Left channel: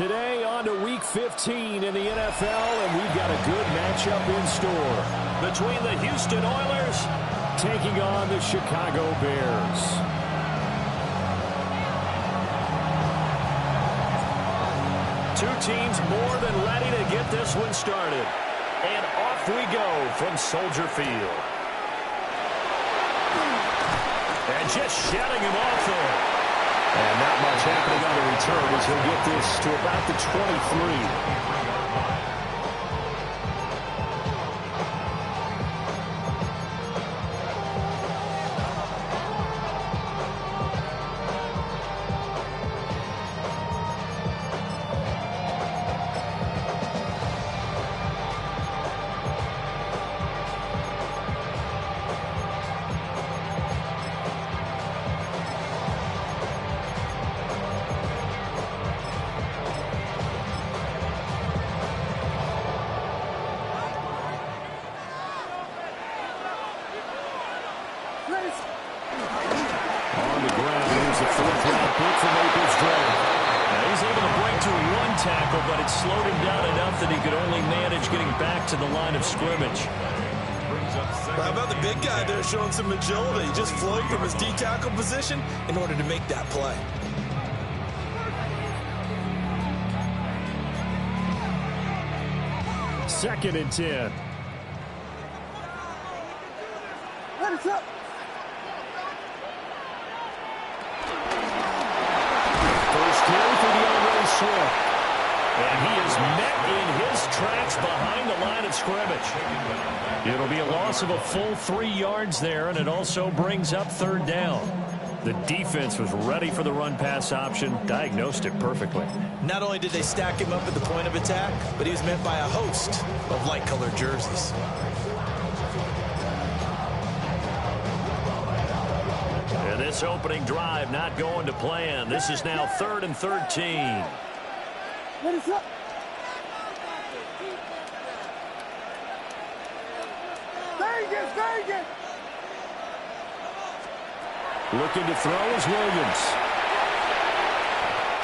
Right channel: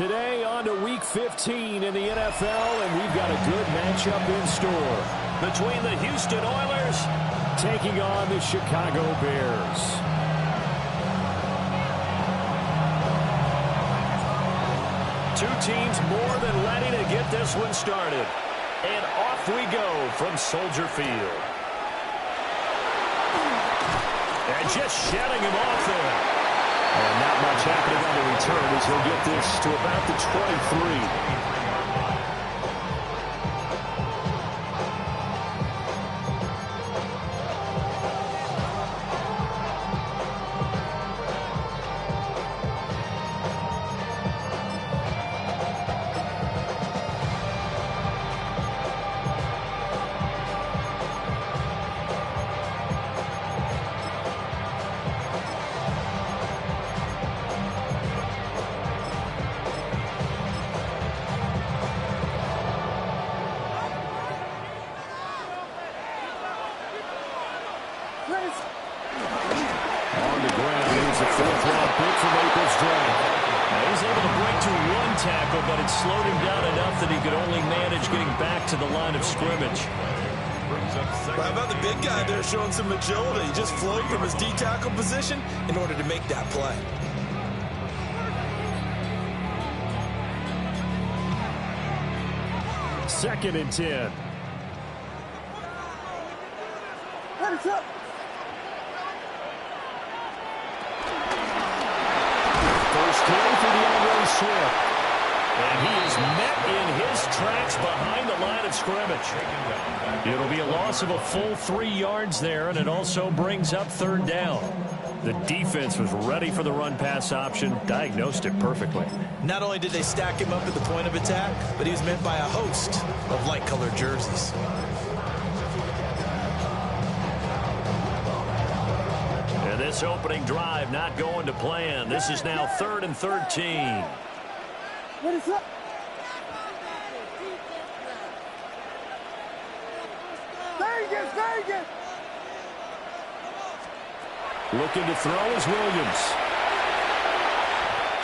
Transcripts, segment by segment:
Today on to Week 15 in the NFL, and we've got a good matchup in store between the Houston Oilers taking on the Chicago Bears. Two teams more than ready to get this one started. And off we go from Soldier Field. And just shutting him off there. And not much happening on the return as he'll get this to about the 23. On the ground, here's a fourth-round pick from April's draft. Now he's able to break to one tackle, but it slowed him down enough that he could only manage getting back to the line of scrimmage. Well, how about the big guy there showing some agility? He just flowed from his D-tackle position in order to make that play. Second and 10. What's up? First carry for DeAndre Swift. And he is met in his tracks behind the line of scrimmage. It'll be a loss of a full 3 yards there, and it also brings up third down. The defense was ready for the run-pass option, diagnosed it perfectly. Not only did they stack him up at the point of attack, but he was met by a host of light-colored jerseys. And this opening drive not going to plan. This is now 3rd and 13. What is up? Vegas! Looking to throw is Williams.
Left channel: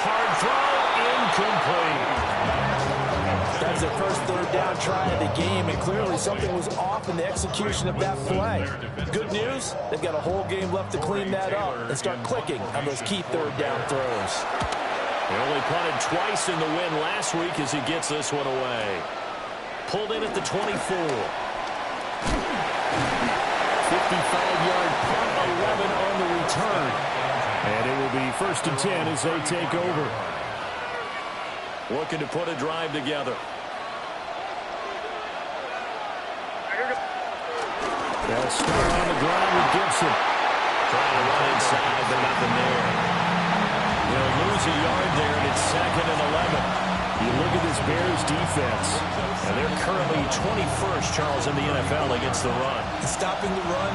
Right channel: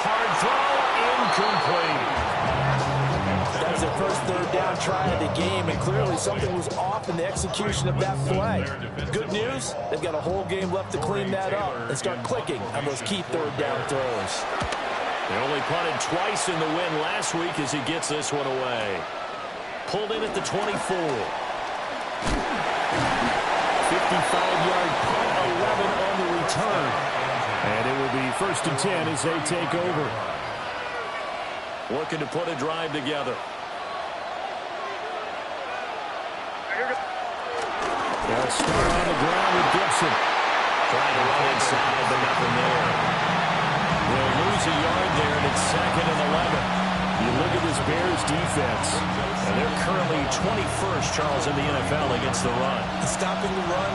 Hard throw, incomplete. That's their first third down try of the game, and clearly something was off in the execution of that play. Good news, they've got a whole game left to clean that up and start clicking on those key third down throws. They only punted twice in the win last week as he gets this one away. Pulled in at the 24. 55-yard punt, 11 on the return. And it will be 1st and 10 as they take over. Looking to put a drive together. They'll start on the ground with Gibson. Trying to run inside, but nothing there. They'll lose a yard there, and it's 2nd and 11. You look at this Bears defense, and they're currently 21st, Charles, in the NFL against the run. And stopping the run,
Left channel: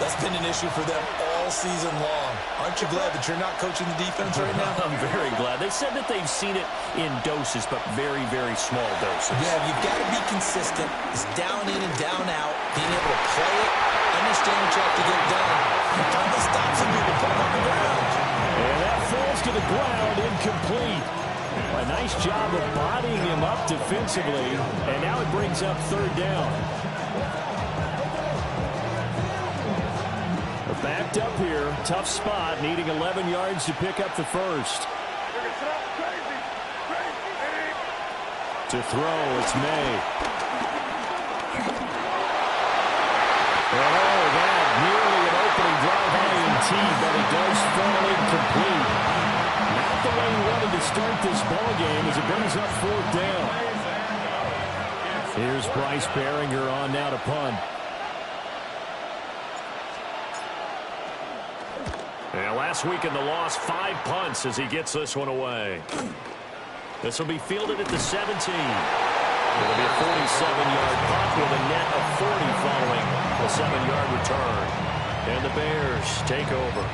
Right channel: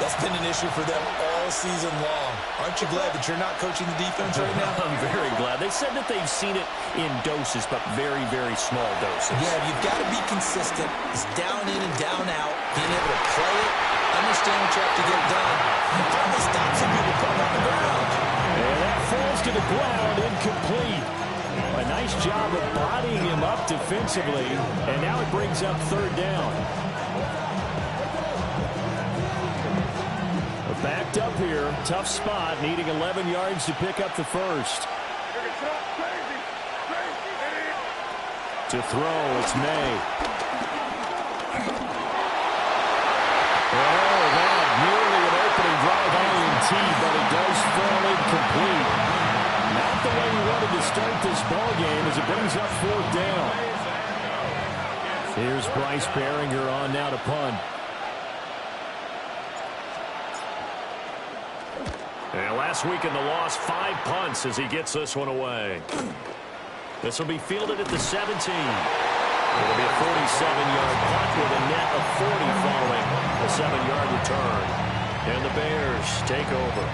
that's been an issue for them all season long. Aren't you glad that you're not coaching the defense right now? I'm very glad. They said that they've seen it in doses, but very, very small doses. Yeah, you've got to be consistent. It's down in and down out, being able to play it, understand what you have to get done, and finally stop some people, put them on the ground. And that falls to the ground, incomplete. A nice job of bodying him up defensively, and now it brings up third down. Backed up here, tough spot, needing 11 yards to pick up the first. To throw, it's May. Oh, that nearly an opening drive INT, but it does fall incomplete. Not the way he wanted to start this ball game as it brings up 4th down. Here's Bryce Behringer on now to punt. And last week in the loss, 5 punts as he gets this one away. This will be fielded at the 17. It'll be a 47-yard punt with a net of 40 following a 7-yard return. And the Bears take over.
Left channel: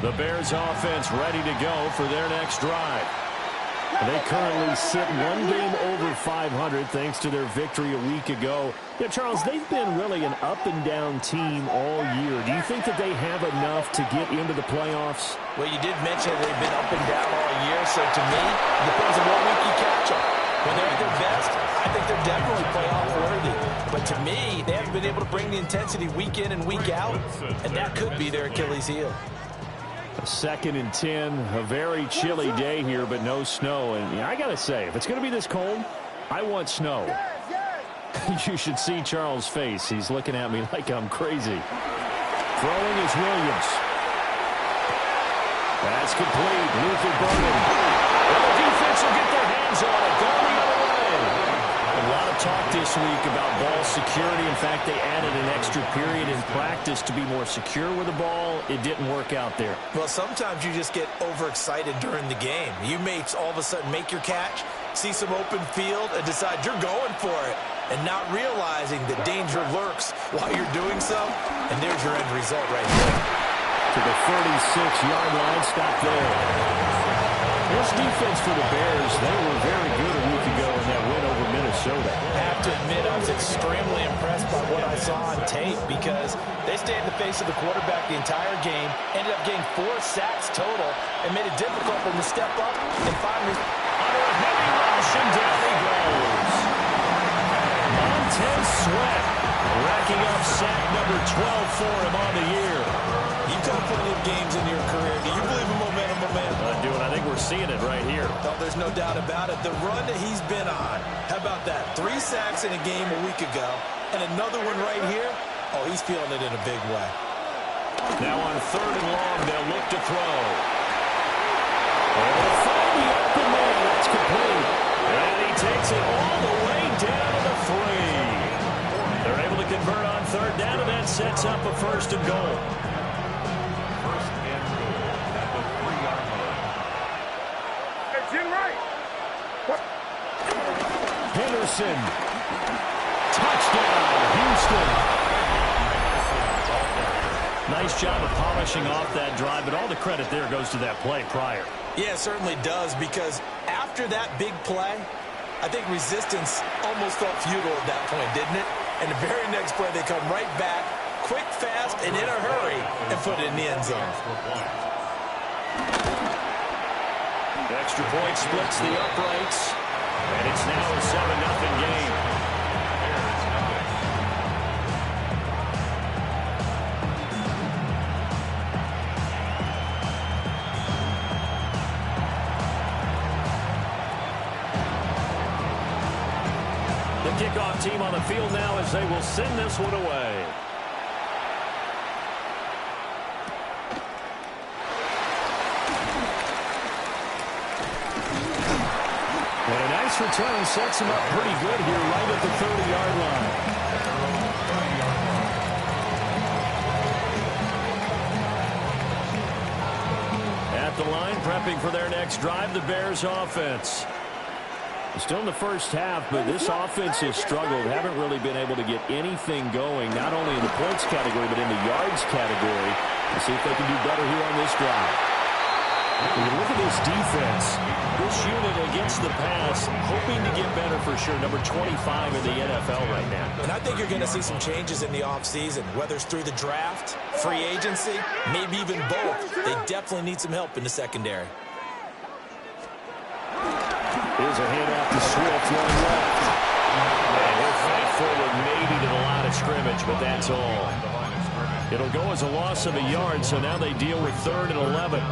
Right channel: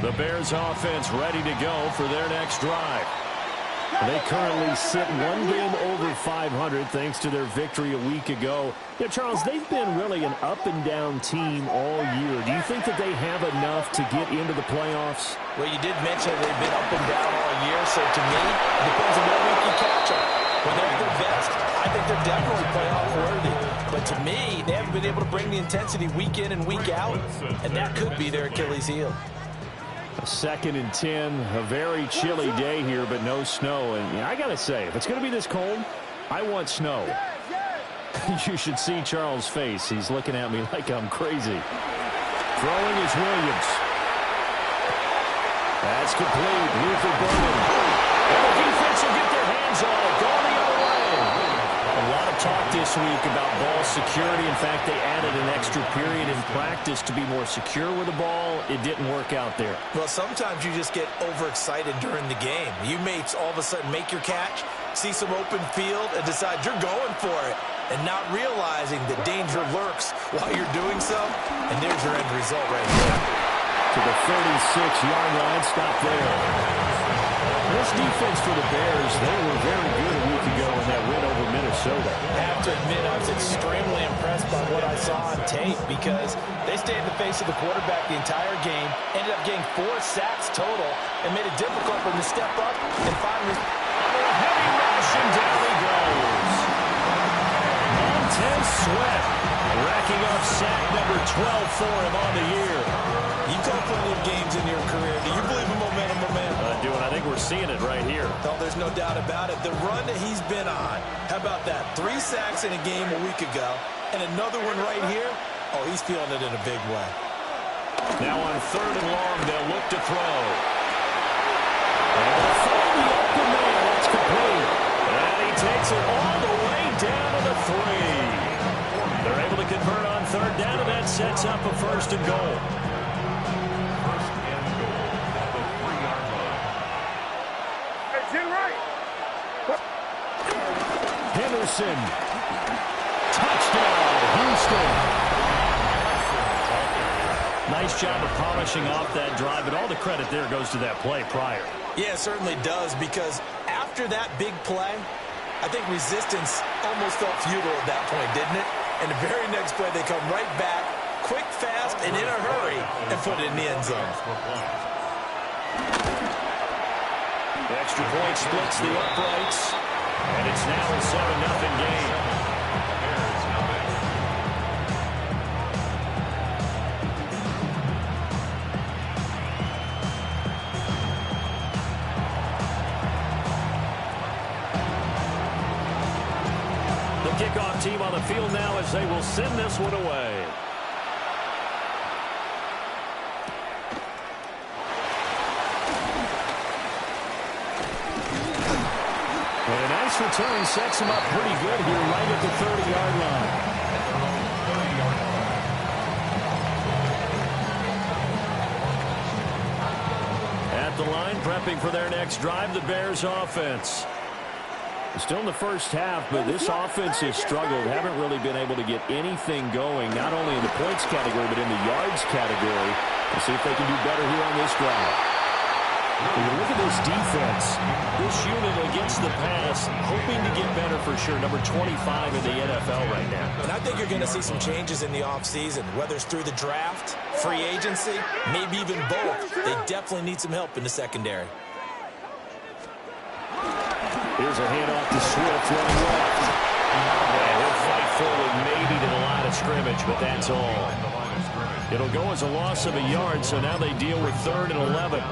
The Bears offense ready to go for their next drive. They currently sit one game over 500 thanks to their victory a week ago Yeah, Charles, they've been really an up-and-down team all year. Do you think that they have enough to get into the playoffs? Well, you did mention they've been up and down all year, so to me, it depends on what week you catch them. When they're at their best, I think they're definitely playoff worthy. But to me, they haven't been able to bring the intensity week in and week out, and that could be their Achilles heel. A 2nd and 10, a very chilly day here, but no snow. And I got to say, if it's going to be this cold, I want snow. You should see Charles' face. He's looking at me like I'm crazy. Throwing is Williams. That's complete. Luther Burden. And the defense will get their hands on it. Going the other way. A lot of talk this week about ball security. In fact, they added an extra period in practice to be more secure with the ball. It didn't work out there. Well, sometimes you just get overexcited during the game. You may all of a sudden make your catch, see some open field, and decide you're going for it, and not realizing that danger lurks while you're doing so. And there's your end result right there. To the 36-yard line, stop there. This defense for the Bears, they were very good a week ago in that win over Minnesota. I have to admit, I was extremely impressed by what I saw on tape because they stayed in the face of the quarterback the entire game, ended up getting 4 sacks total, and made it difficult for him to step up and finally... Under a heavy rush, and down he goes. Montez Sweat racking up sack number 12 for him on the year. You've got plenty of games in your career. Do you believe in momentum, my man? I think we're seeing it right here. Oh, there's no doubt about it. The run that he's been on, how about that? 3 sacks in a game a week ago, and another one right here. Oh, he's feeling it in a big way. Now on 3rd and long, they'll look to throw. Able to find the open man. That's complete. And he takes it all the way down to the 3. They're able to convert on 3rd down, and that sets up a 1st and goal. Henderson. Touchdown, Houston. Nice job of polishing off that drive, but all the credit there goes to that play prior. Yeah, it certainly does, because after that big play, I think resistance almost felt futile at that point, didn't it? And the very next play, they come right back, quick, fast, and in a hurry, and put it in the end zone. The extra point splits the uprights, and it's now a 7-0 game. The kickoff team on the field now as they will send this one away. And a nice return sets him up pretty good here right at the 30-yard line. At the line, prepping for their next drive, the Bears offense. Still in the first half, but this offense has struggled. Haven't really been able to get anything going, not only in the points category, but in the yards category. Let's see if they can do better here on this drive. When you look at this defense, this unit against the pass, hoping to get better for sure. Number 25 in the NFL right now. And I think you're going to see some changes in the offseason, whether it's through the draft, free agency, maybe even both. They definitely need some help in the secondary. Here's a handoff to Swift running left. And he'll fight forward maybe to the line of scrimmage, but that's all. It'll go as a loss of a yard, so now they deal with 3rd and 11.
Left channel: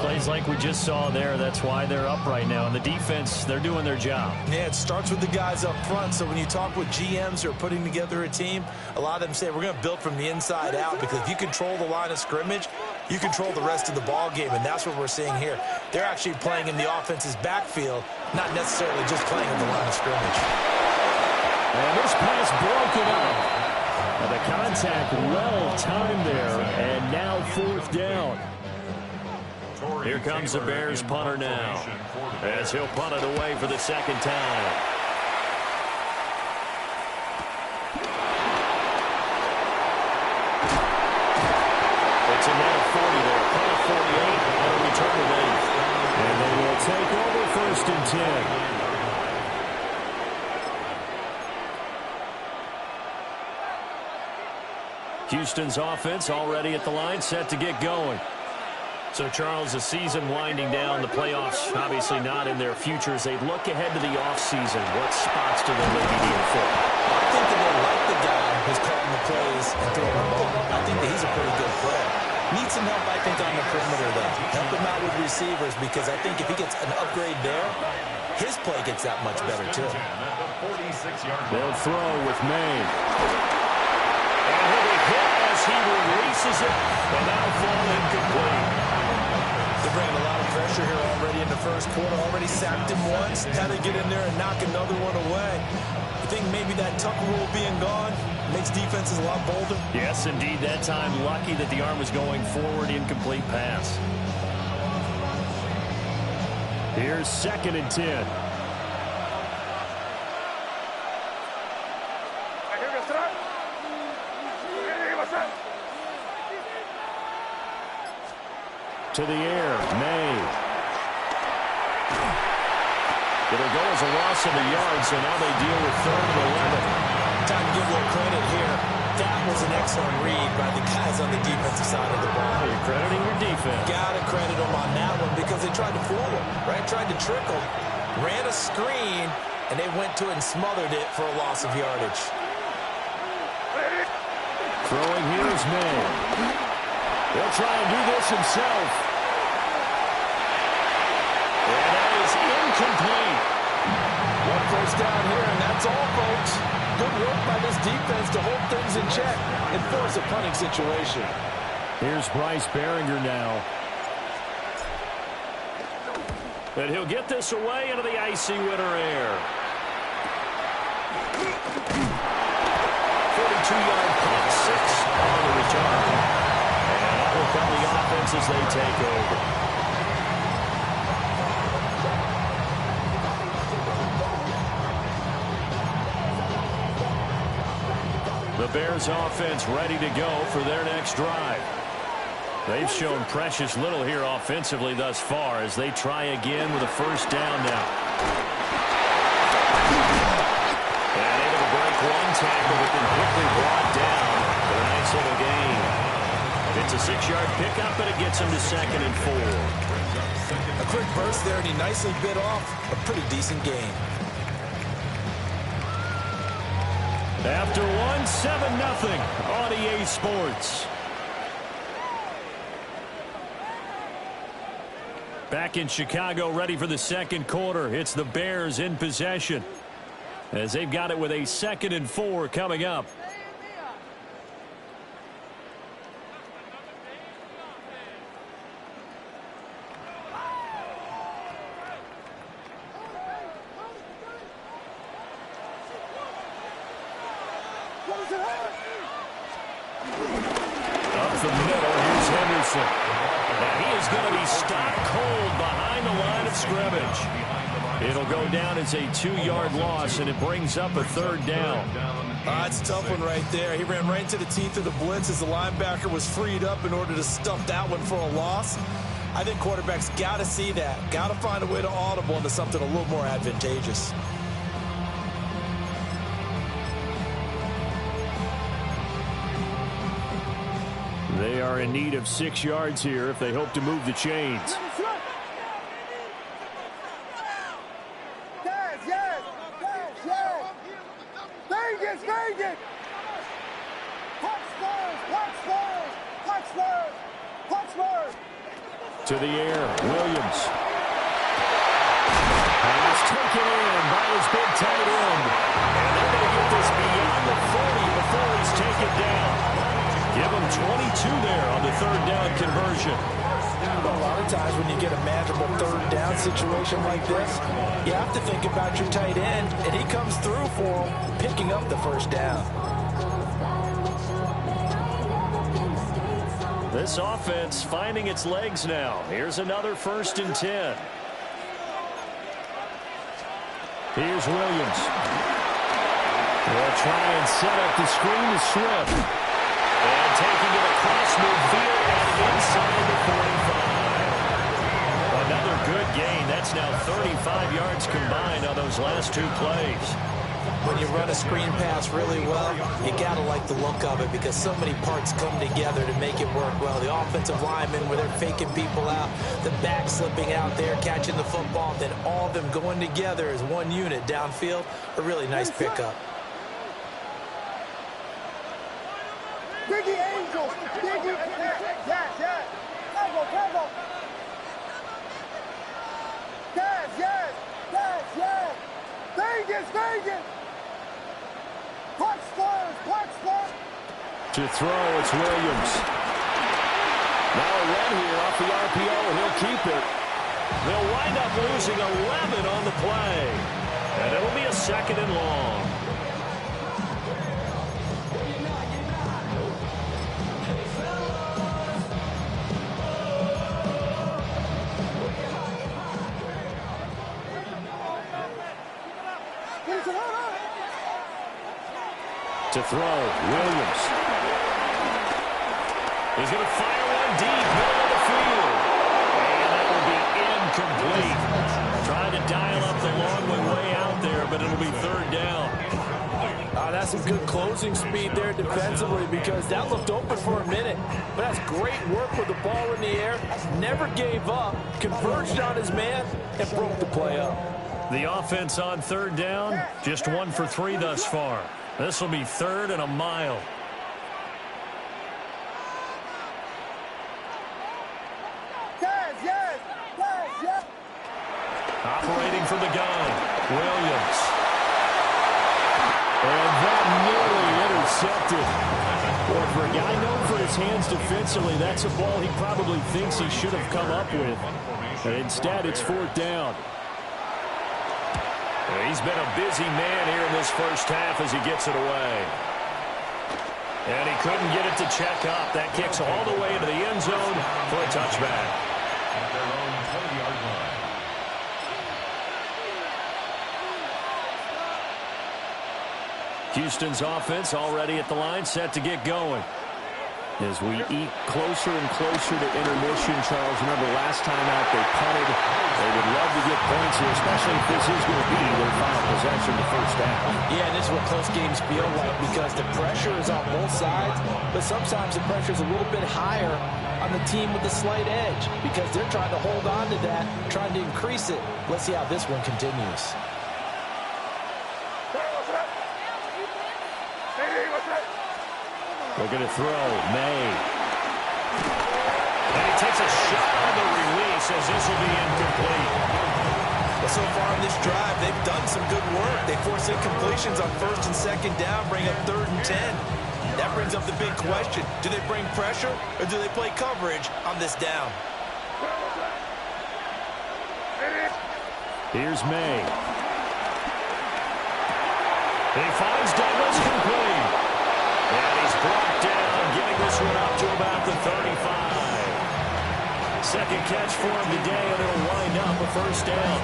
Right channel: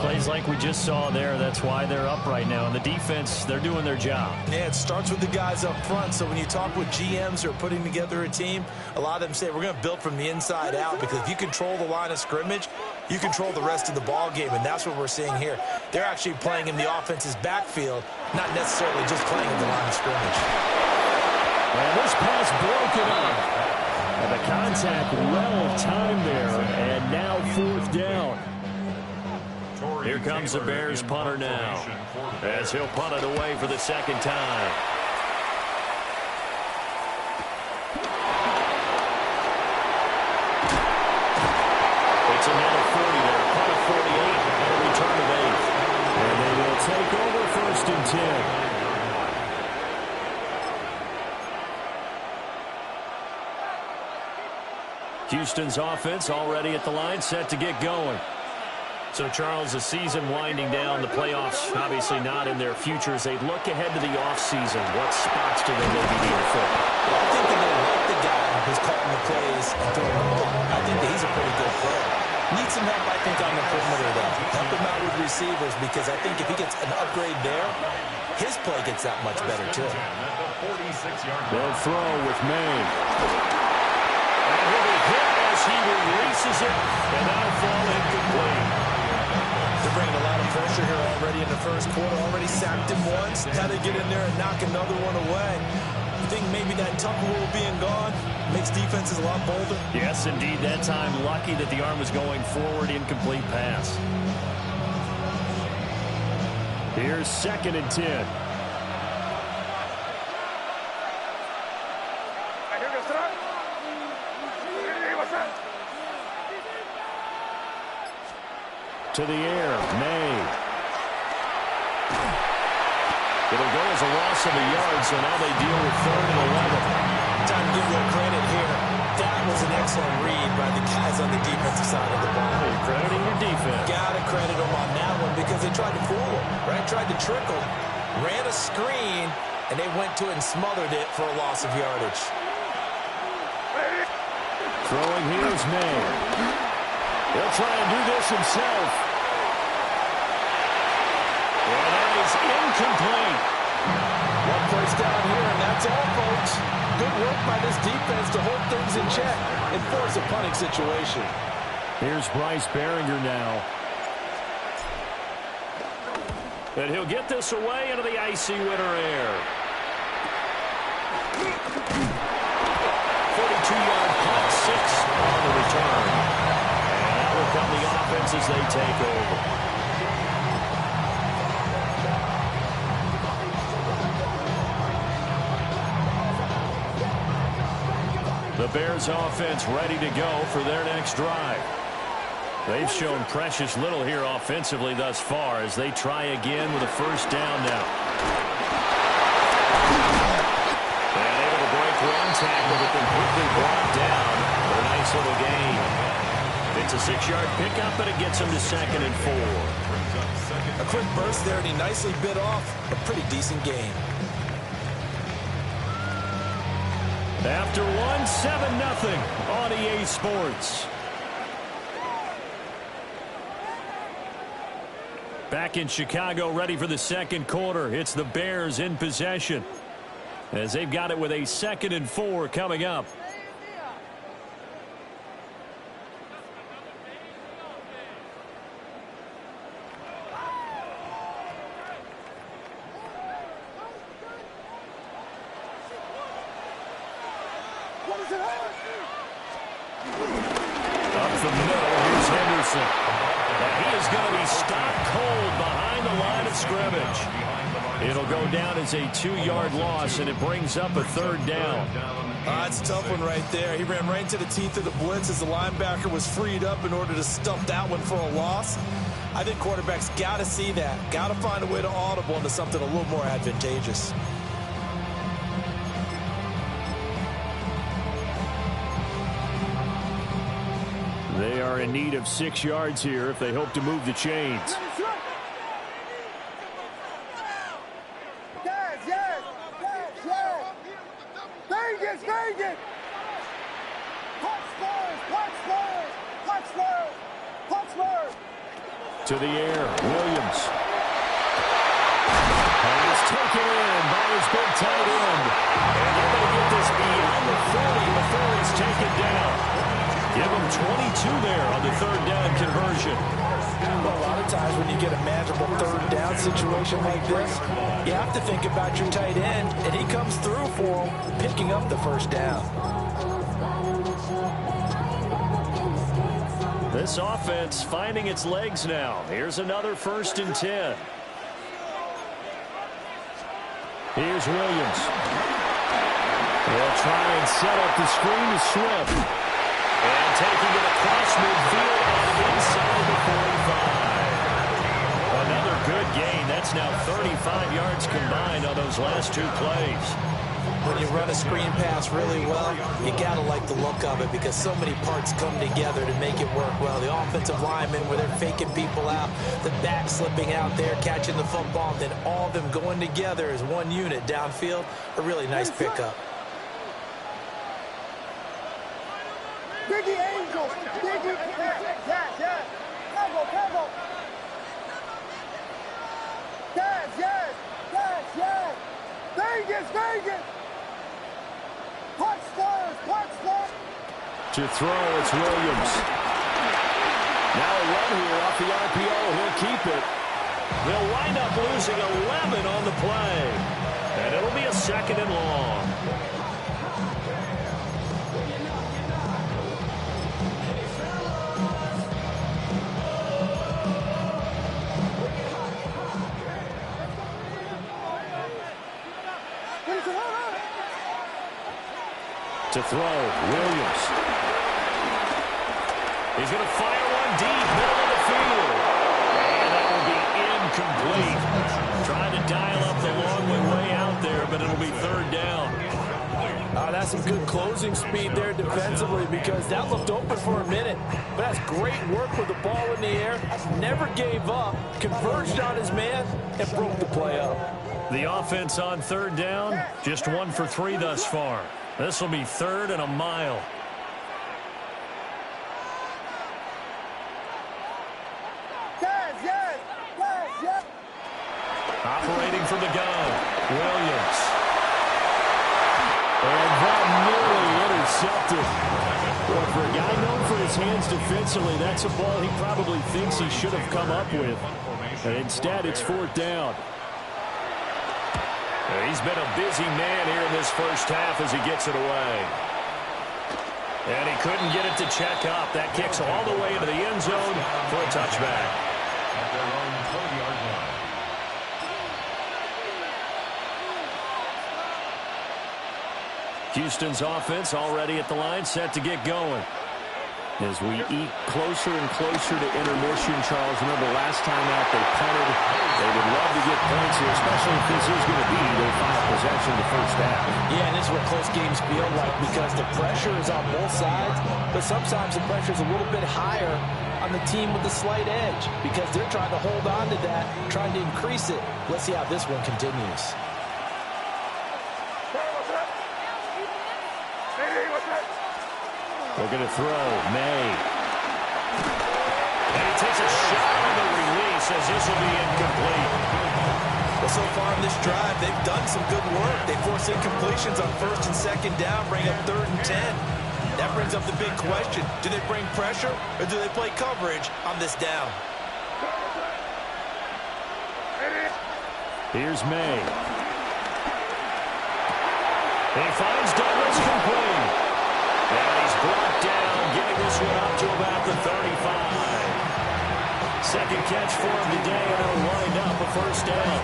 Plays like we just saw there. That's why they're up right now. And the defense, they're doing their job. Yeah, it starts with the guys up front. So when you talk with GMs who are putting together a team, a lot of them say we're going to build from the inside out, because if you control the line of scrimmage, you control the rest of the ball game, and that's what we're seeing here. They're actually playing in the offense's backfield, not necessarily just playing in the line of scrimmage. And this pass broken up. And the contact well timed there, and now 4th down. Here comes the Bears punter now, as he'll punt it away for the 2nd time. It's a net of 40 there, punt of 48, and a return of 8. And they will take over 1st and 10. Houston's offense already at the line, set to get going. So, Charles, the season winding down, the playoffs obviously not in their future. As they look ahead to the offseason, what spots do they maybe need to fill? Well, I think that they like the guy who's calling the plays and throwing the ball. I think that he's a pretty good player. Needs some help, I think, on the perimeter, though. Help him out with receivers, because I think if he gets an upgrade there, his play gets that much better, too. They'll throw with May. And he'll be hit as he releases it, and that'll fall incomplete. They're bringing a lot of pressure here already in the first quarter. Already sacked him once. Now they get in there and knock another one away. You think maybe that tuck rule being gone makes defenses a lot bolder? Yes, indeed. That time, lucky that the arm was going forward. Incomplete pass. Here's 2nd and 10. To the air, May. It'll go as a loss of a yard, so now they deal with 3rd and 11. Time to give a little credit here. That was an excellent read by the guys on the defensive side of the ball. You're crediting your defense. Got to credit them on that one because they tried to fool him, right? Tried to trick him, ran a screen, and they went to it and smothered it for a loss of yardage. Throwing here is May. He'll try and do this himself. And that is incomplete. 1 first down here, and that's all, folks. Good work by this defense to hold things in check and force a punting situation. Here's Bryce Behringer now. And he'll get this away into the icy winter air. 42-yard punt, 6 on the return. And that will come the offense as they take over. The Bears offense ready to go for their next drive. They've shown precious little here offensively thus far as they try again with a first down now. And able to break one tackle, but then quickly brought down with a nice little gain. It's a 6-yard pickup, but it gets him to 2nd and 4. A quick burst there, and he nicely bit off a pretty decent gain. After 7-0 on EA Sports. Back in Chicago, ready for the second quarter. It's the Bears in possession as they've got it with a 2nd and 4 coming up. Up the middle, here's Henderson. And he is going to be stopped cold behind the line of scrimmage. It'll go down as a 2-yard loss, and it brings up a 3rd down. It's a tough one right there. He ran right into the teeth of the blitz as the linebacker was freed up in order to stuff that one for a loss. I think quarterbacks got to see that. Got to find a way to audible into something a little more advantageous. They are in need of 6 yards here if they hope to move the chains. To the air, Williams. Pass taken in by his big tight end. And they're going to get this beyond the 40 before he's taken down. Give him 22 there on the 3rd down conversion. Well, a lot of times when you get a manageable 3rd down situation like this, you have to think about your tight end, and he comes through for him, picking up the 1st down. This offense finding its legs now. Here's another 1st and 10. Here's Williams. They'll try and set up the screen to Swift. And taking it across midfield and inside the 45. Another good gain. That's now 35 yards combined on those last 2 plays. when you run a screen pass really well, you got to like the look of it because so many parts come together to make it work well. The offensive linemen, where they're faking people out, the back slipping out there, catching the football, then all of them going together as one unit downfield, a really nice pickup. Biggie Angel. Biggie. Yes. Combo. Yes. Vegas. Punch spurs. To throw, it's Williams. Now a run here off the RPO. He'll keep it. They'll wind up losing 11 on the play. And it'll be a 2nd and long. To throw, Williams. He's going to fire one deep, middle of the field. And that will be incomplete. Trying to dial up the long way out there, but it'll be 3rd down. That's some good closing speed there defensively because that looked open for a minute. But that's great work with the ball in the air. Never gave up, converged on his man, and broke the play up. The offense on 3rd down, just 1 for 3 thus far. This will be 3rd and a mile. Yes. Operating from the gun, Williams. And that nearly intercepted. Boy, for a guy known for his hands defensively, that's a ball he probably thinks he should have come up with. And instead, it's 4th down. He's been a busy man here in this first half as he gets it away. And he couldn't get it to check up. That kicks all the way into the end zone for a touchback. At their own 20-yard line. Houston's offense already at the line, set to get going. As we eat closer and closer to intermission, Charles, remember last time out they punted. They would love to get points here, especially if this is going to be their final possession the first half. Yeah, and this is what close games feel like because the pressure is on both sides, but sometimes the pressure is a little bit higher on the team with the slight edge because they're trying to hold on to that, trying to increase it. Let's see how this one continues. They're going to throw. May. And he takes a shot on the release as this will be incomplete. Well, so far in this drive, they've done some good work. They force incompletions on 1st and 2nd down, bring up 3rd and 10. That brings up the big question. Do they bring pressure or do they play coverage on this down? Here's May. He finds Douglas complete. And he's brought down, getting this one up to about the 35. 2nd catch for him today, and it'll wind up a 1st down.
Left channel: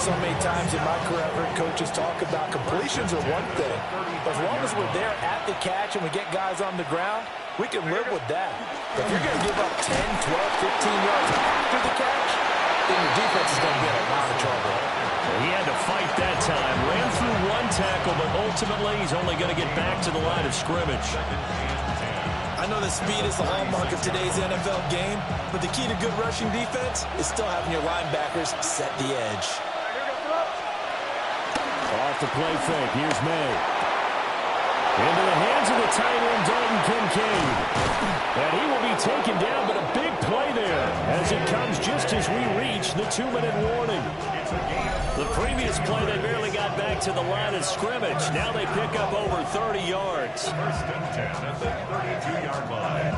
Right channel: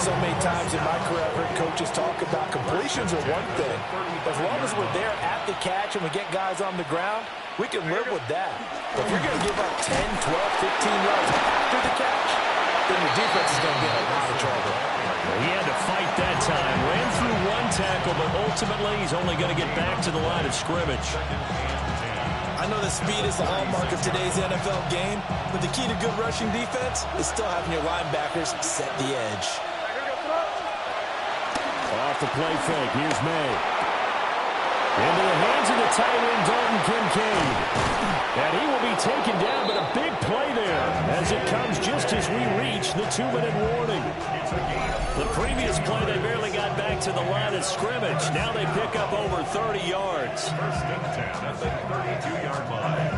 So many times in my career, I've heard coaches talk about completions are one thing. As long as we're there at the catch and we get guys on the ground, we can live with that. But if you're going to give up 10, 12, 15 yards after the catch, then your defense is going to be in a lot of trouble. He had to fight that time. Ran through 1 tackle, but ultimately he's only going to get back to the line of scrimmage. I know that speed is the hallmark of today's NFL game, but the key to good rushing defense is still having your linebackers set the edge. Off the play fake. Here's May. Into the hands of the tight end, Dalton Kincaid. And he will be taken down, but a big play there as it comes just as we reach the 2-minute warning. The previous play, they barely got back to the line of scrimmage. Now they pick up over 30 yards. 1st and 10 at the 32-yard line.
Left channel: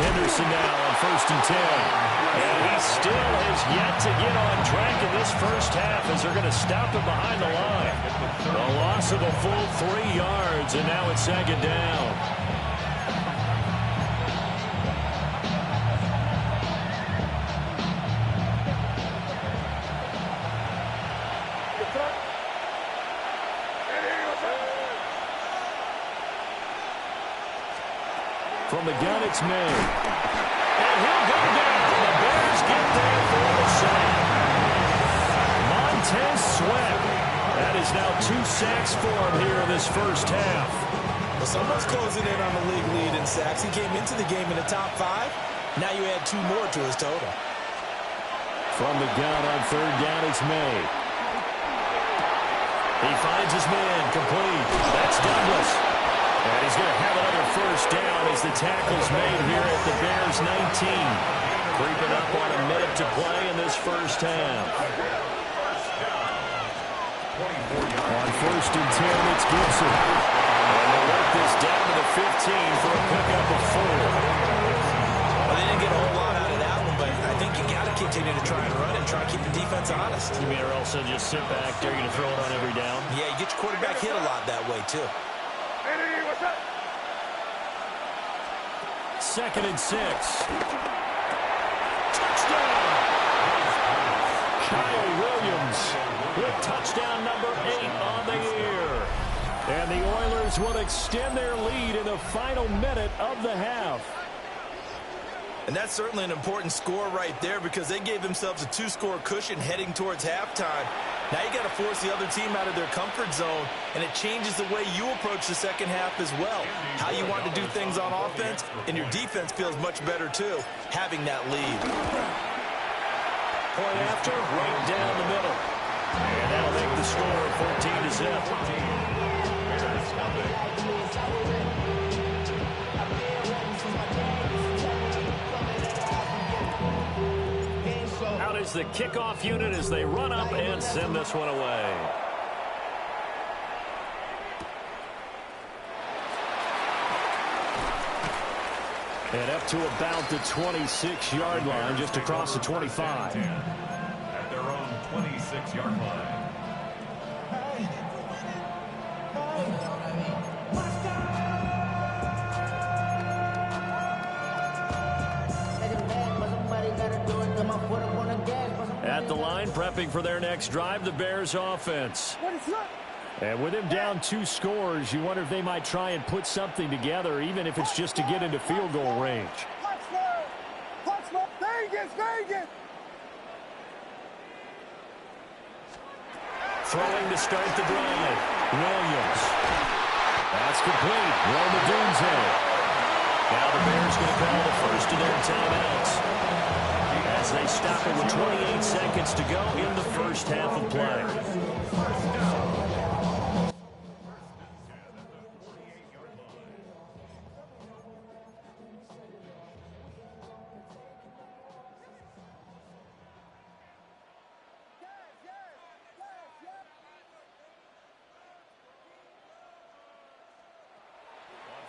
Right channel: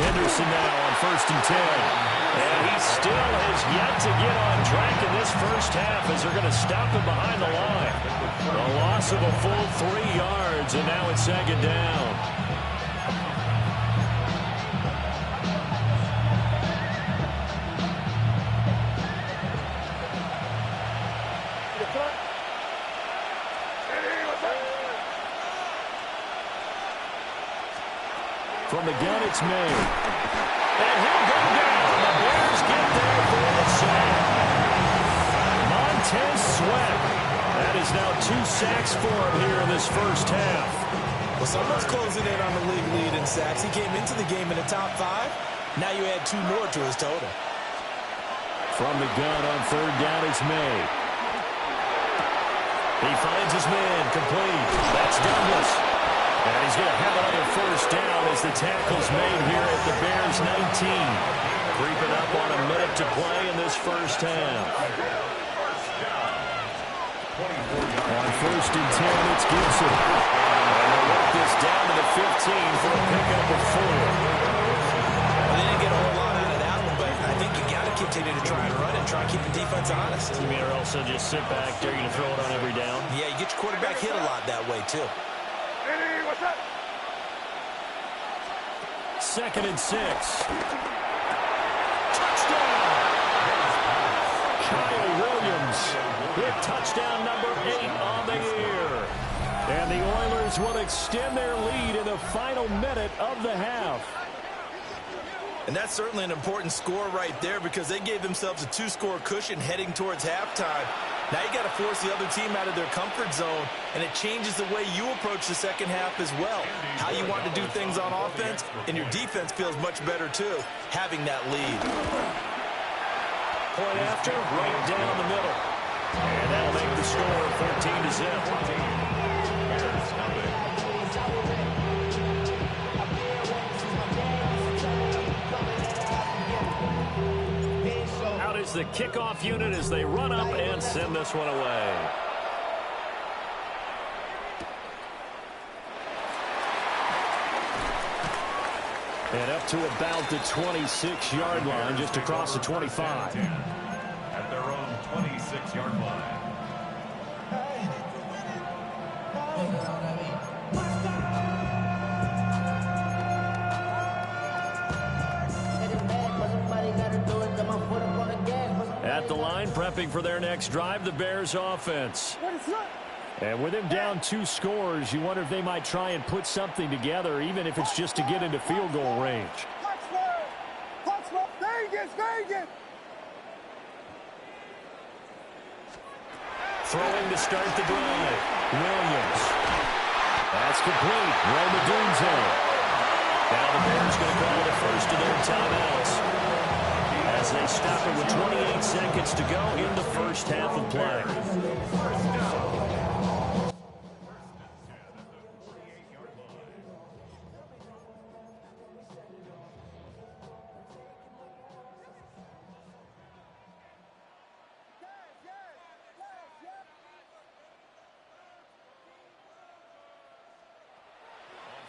Henderson now on 1st and 10. And he still has yet to get on track in this first half as they're going to stop him behind the line. A loss of a full 3 yards, and now it's 2nd down. From the gun, it's made. And he'll go down. The Bears get there for the sack. Montez Sweat. That is now 2 sacks for him here in this first half. Well, someone's closing in on the league lead in sacks. He came into the game in the top 5. Now you add 2 more to his total. From the gun on third down, it's made. He finds his man, complete. That's Douglas. And he's going to have another first down as the tackle's made here at the Bears 19. Creeping up on a minute to play in this first half. On first and 10, it's Gibson. And they'll work this down to the 15 for a pickup of 4. Well, they didn't get a whole lot out of that one, but I think you got to continue to try and run and try and keep the defense honest. You mean, or else they'll just sit back there, you're going to throw it on every down? Yeah, you get your quarterback hit a lot that way, too. What's up? 2nd and 6. Touchdown! Kyle Williams with touchdown number 8 on the year. And the Oilers will extend their lead in the final minute of the half. And that's certainly an important score right there because they gave themselves a 2-score cushion heading towards halftime. Now you got to force the other team out of their comfort zone, and it changes the way you approach the second half as well. How you want to do things on offense, and your defense feels much better too, having that lead. Point after, right down the middle. And that'll make the score 14-0. Out is the kickoff unit as they run up and send this one away. And up to about the 26-yard line, just across the 25. At their own 26-yard line. At the line, prepping for their next drive, the Bears offense. And with him down 2 scores, you wonder if they might try and put something together, even if it's just to get into field goal range. Vegas! Throwing to start the drive. Williams. That's complete. Roma Dunze. Now the Bears going to call the first of their timeouts as they stop it with 28 seconds to go in the first half of play.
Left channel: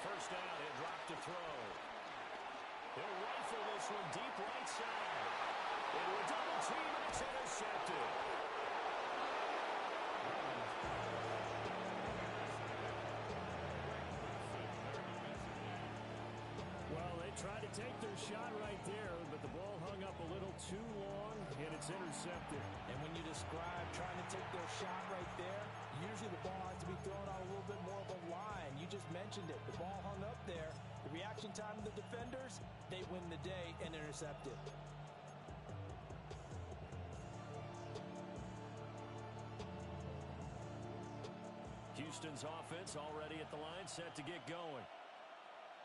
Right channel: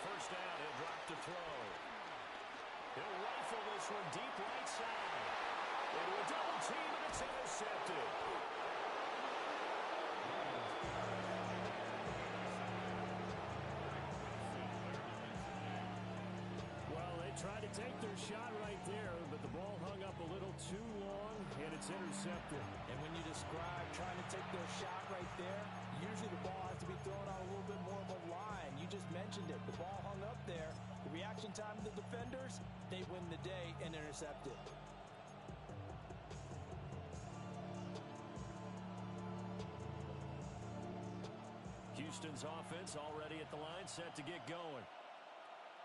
First down, he'll drop to throw. He'll rifle this one deep right side. Into a double team, and it's intercepted. Well, they tried to take their shot right there, but the ball hung up a little too long, and it's intercepted. And when you describe trying to take their shot right there, usually the ball has to be thrown on a little bit more of a line. You just mentioned it. The ball hung up there. The reaction time of the defenders, they win the day and intercept it. Houston's offense already at the line, set to get going.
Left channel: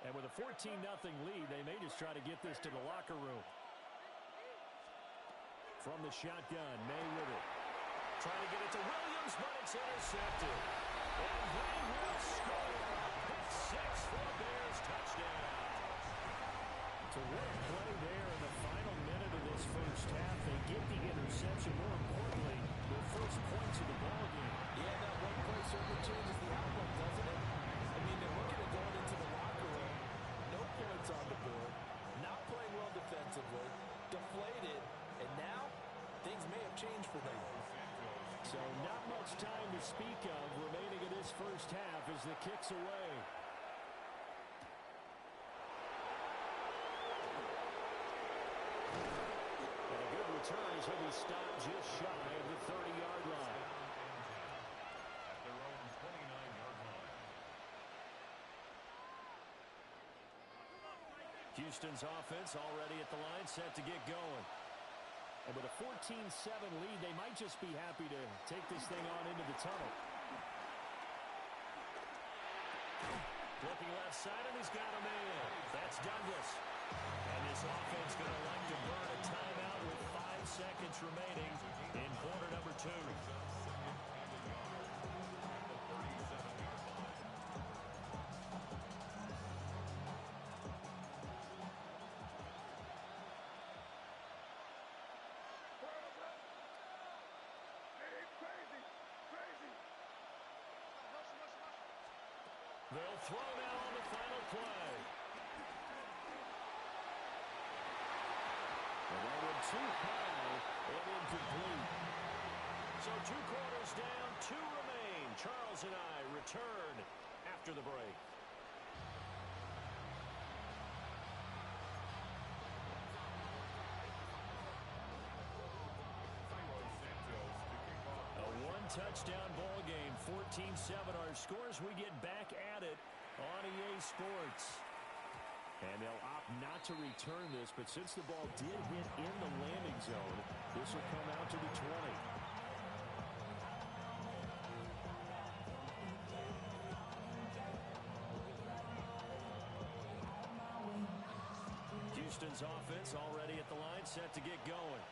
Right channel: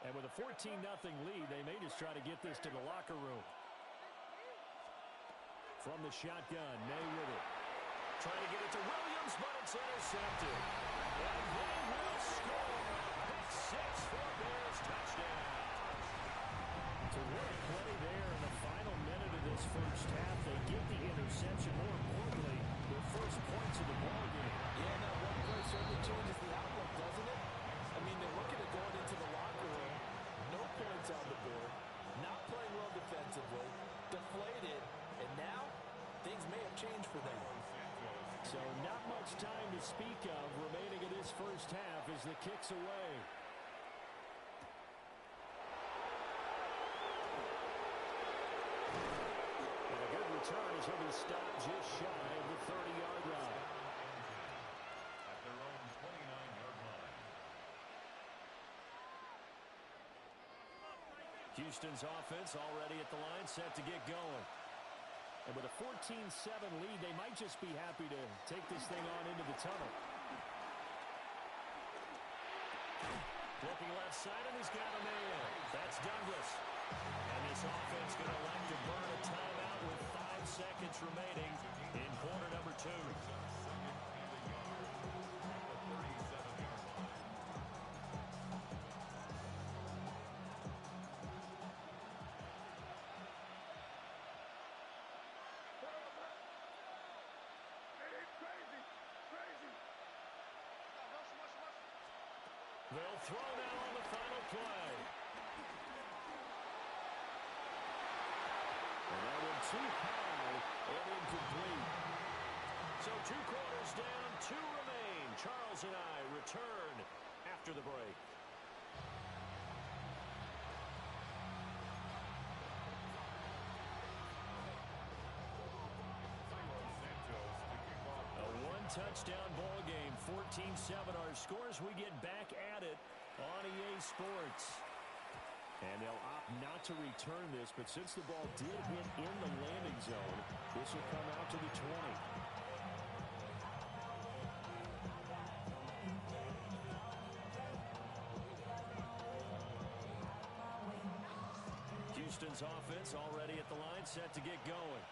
And with a 14-0 lead, they may just try to get this to the locker room. From the shotgun, May with it. Trying to get it to Williams, but it's intercepted. And they will score. Pick 6 for a Bears touchdown. So what a play there in the final minute of this first half. They get the interception. More importantly, their first points of the ball game. Yeah, that one play certainly changes the outlook, doesn't it? I mean, they're looking at going into the locker room. No points on the board. Not playing well defensively. Deflated. And now, things may have changed for them. So not much time to speak of remaining in this first half as the kick's away. And a good return as he'll be stopped just shy of the 30-yard line. At their own 29-yard line. Houston's offense already at the line, set to get going. And with a 14-7 lead, they might just be happy to take this thing on into the tunnel. Looking left side, and he's got a man. That's Douglas. And this offense going to elect to burn a timeout with 5 seconds remaining in quarter number 2. They'll throw now on the final play. And that one too high and incomplete. So 2 quarters down, 2 remain. Charles and I return after the break. A 1-touchdown ball game, 14-7 our scores. We get back at it on EA Sports. And they'll opt not to return this, but since the ball did hit in the landing zone, this will come out to the 20. Houston's offense already at the line, set to get going.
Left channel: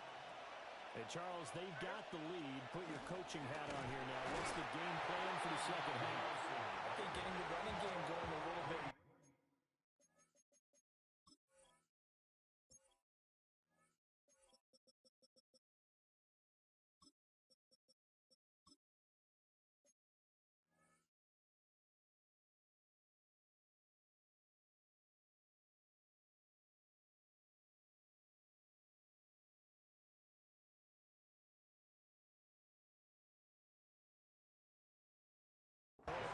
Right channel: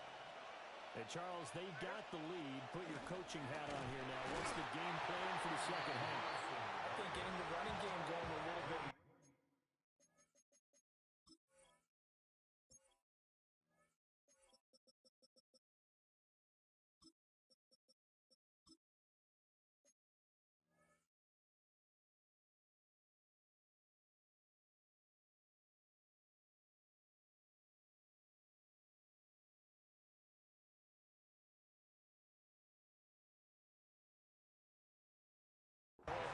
And, Charles, they've got the lead. Put your coaching hat on here now. What's the game plan for the second half? I think getting the running game going a little bit.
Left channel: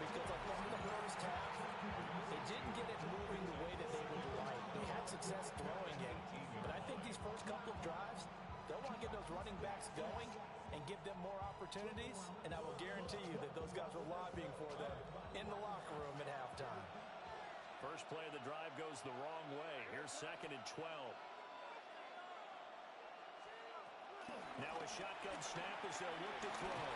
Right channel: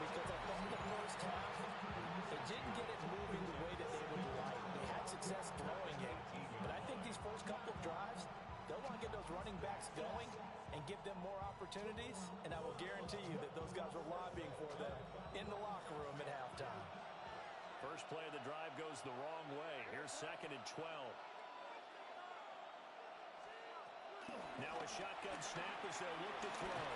Because I thought in the first half, they didn't get it moving the way that they would like. They had success throwing it, but I think these first couple of drives, they'll want to get those running backs going and give them more opportunities, and I will guarantee you that those guys were lobbying for them in the locker room at halftime. First play of the drive goes the wrong way. Here's 2nd and 12. Now a shotgun snap as they'll look to throw.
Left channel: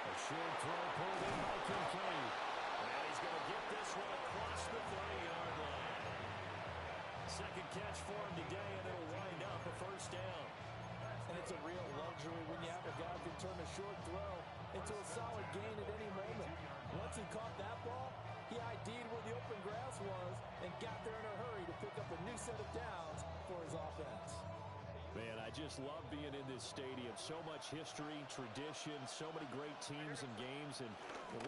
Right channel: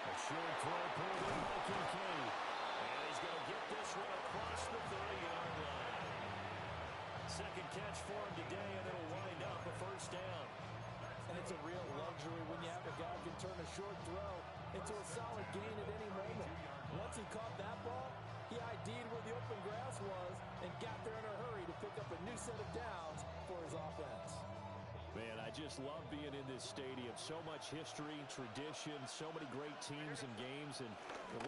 A short throw pulled in by Kincaid. And he's going to get this one across the 30-yard line. Second catch for him today, and it'll wind up a first down. And it's a real luxury when you have a guy who can turn a short throw into a solid gain at any moment. Once he caught that ball, he ID'd where the open grass was and got there in a hurry to pick up a new set of downs for his offense. Man, I just love being in this stadium. So much history, tradition, so many great teams and games, and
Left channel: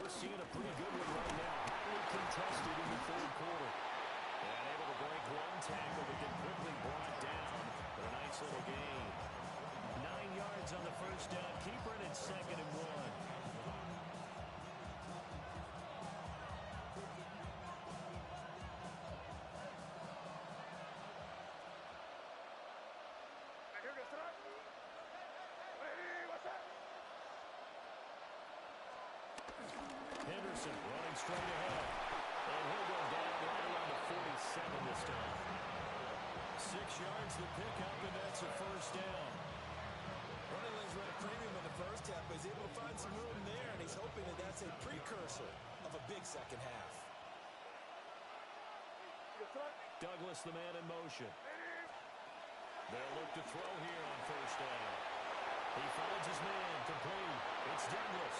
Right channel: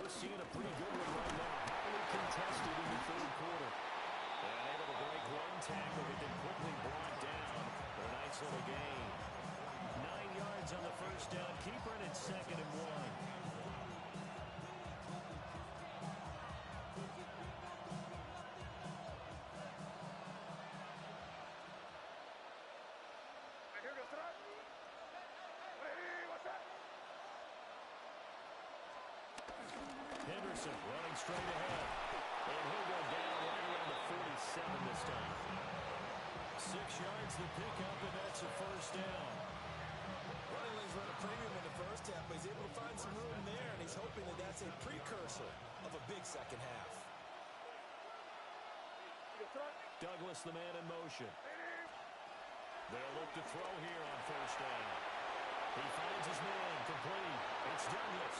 we're seeing a pretty good one right now. Highly contested in the 3rd quarter. And able to break one tackle, but then quickly brought down for a nice little gain. 9 yards on the first down. Keeper, and it's 2nd and 1. Henderson running straight ahead. And he'll go down right around the 47 this time. 6 yards to pick up, and that's a first down. Running lanes run a premium in the first half, but he's able to find some room there, and he's hoping that that's a precursor of a big second half. Douglas, the man in motion. They'll look to throw here on first down. He finds his man, complete. It's Douglas.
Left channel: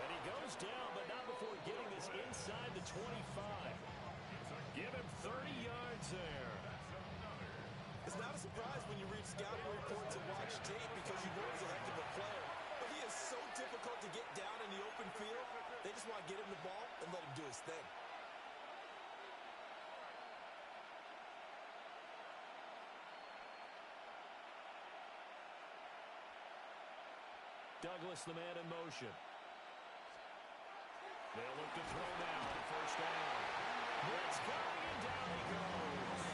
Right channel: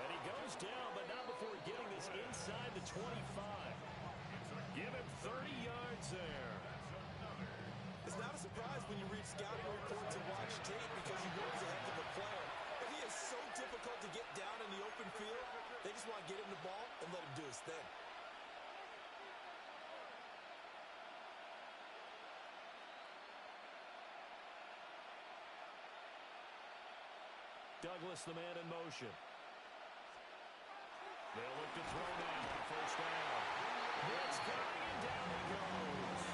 And he goes down, but not before getting this inside the 25. Give him 30 yards there. It's not a surprise when you read scouting reports and watch tape because you know he's a heck of a player. But he is so difficult to get down in the open field. They just want to get him the ball and let him do his thing. Douglas, the man in motion. They'll look to throw now on first down. Blitz coming, and down he goes.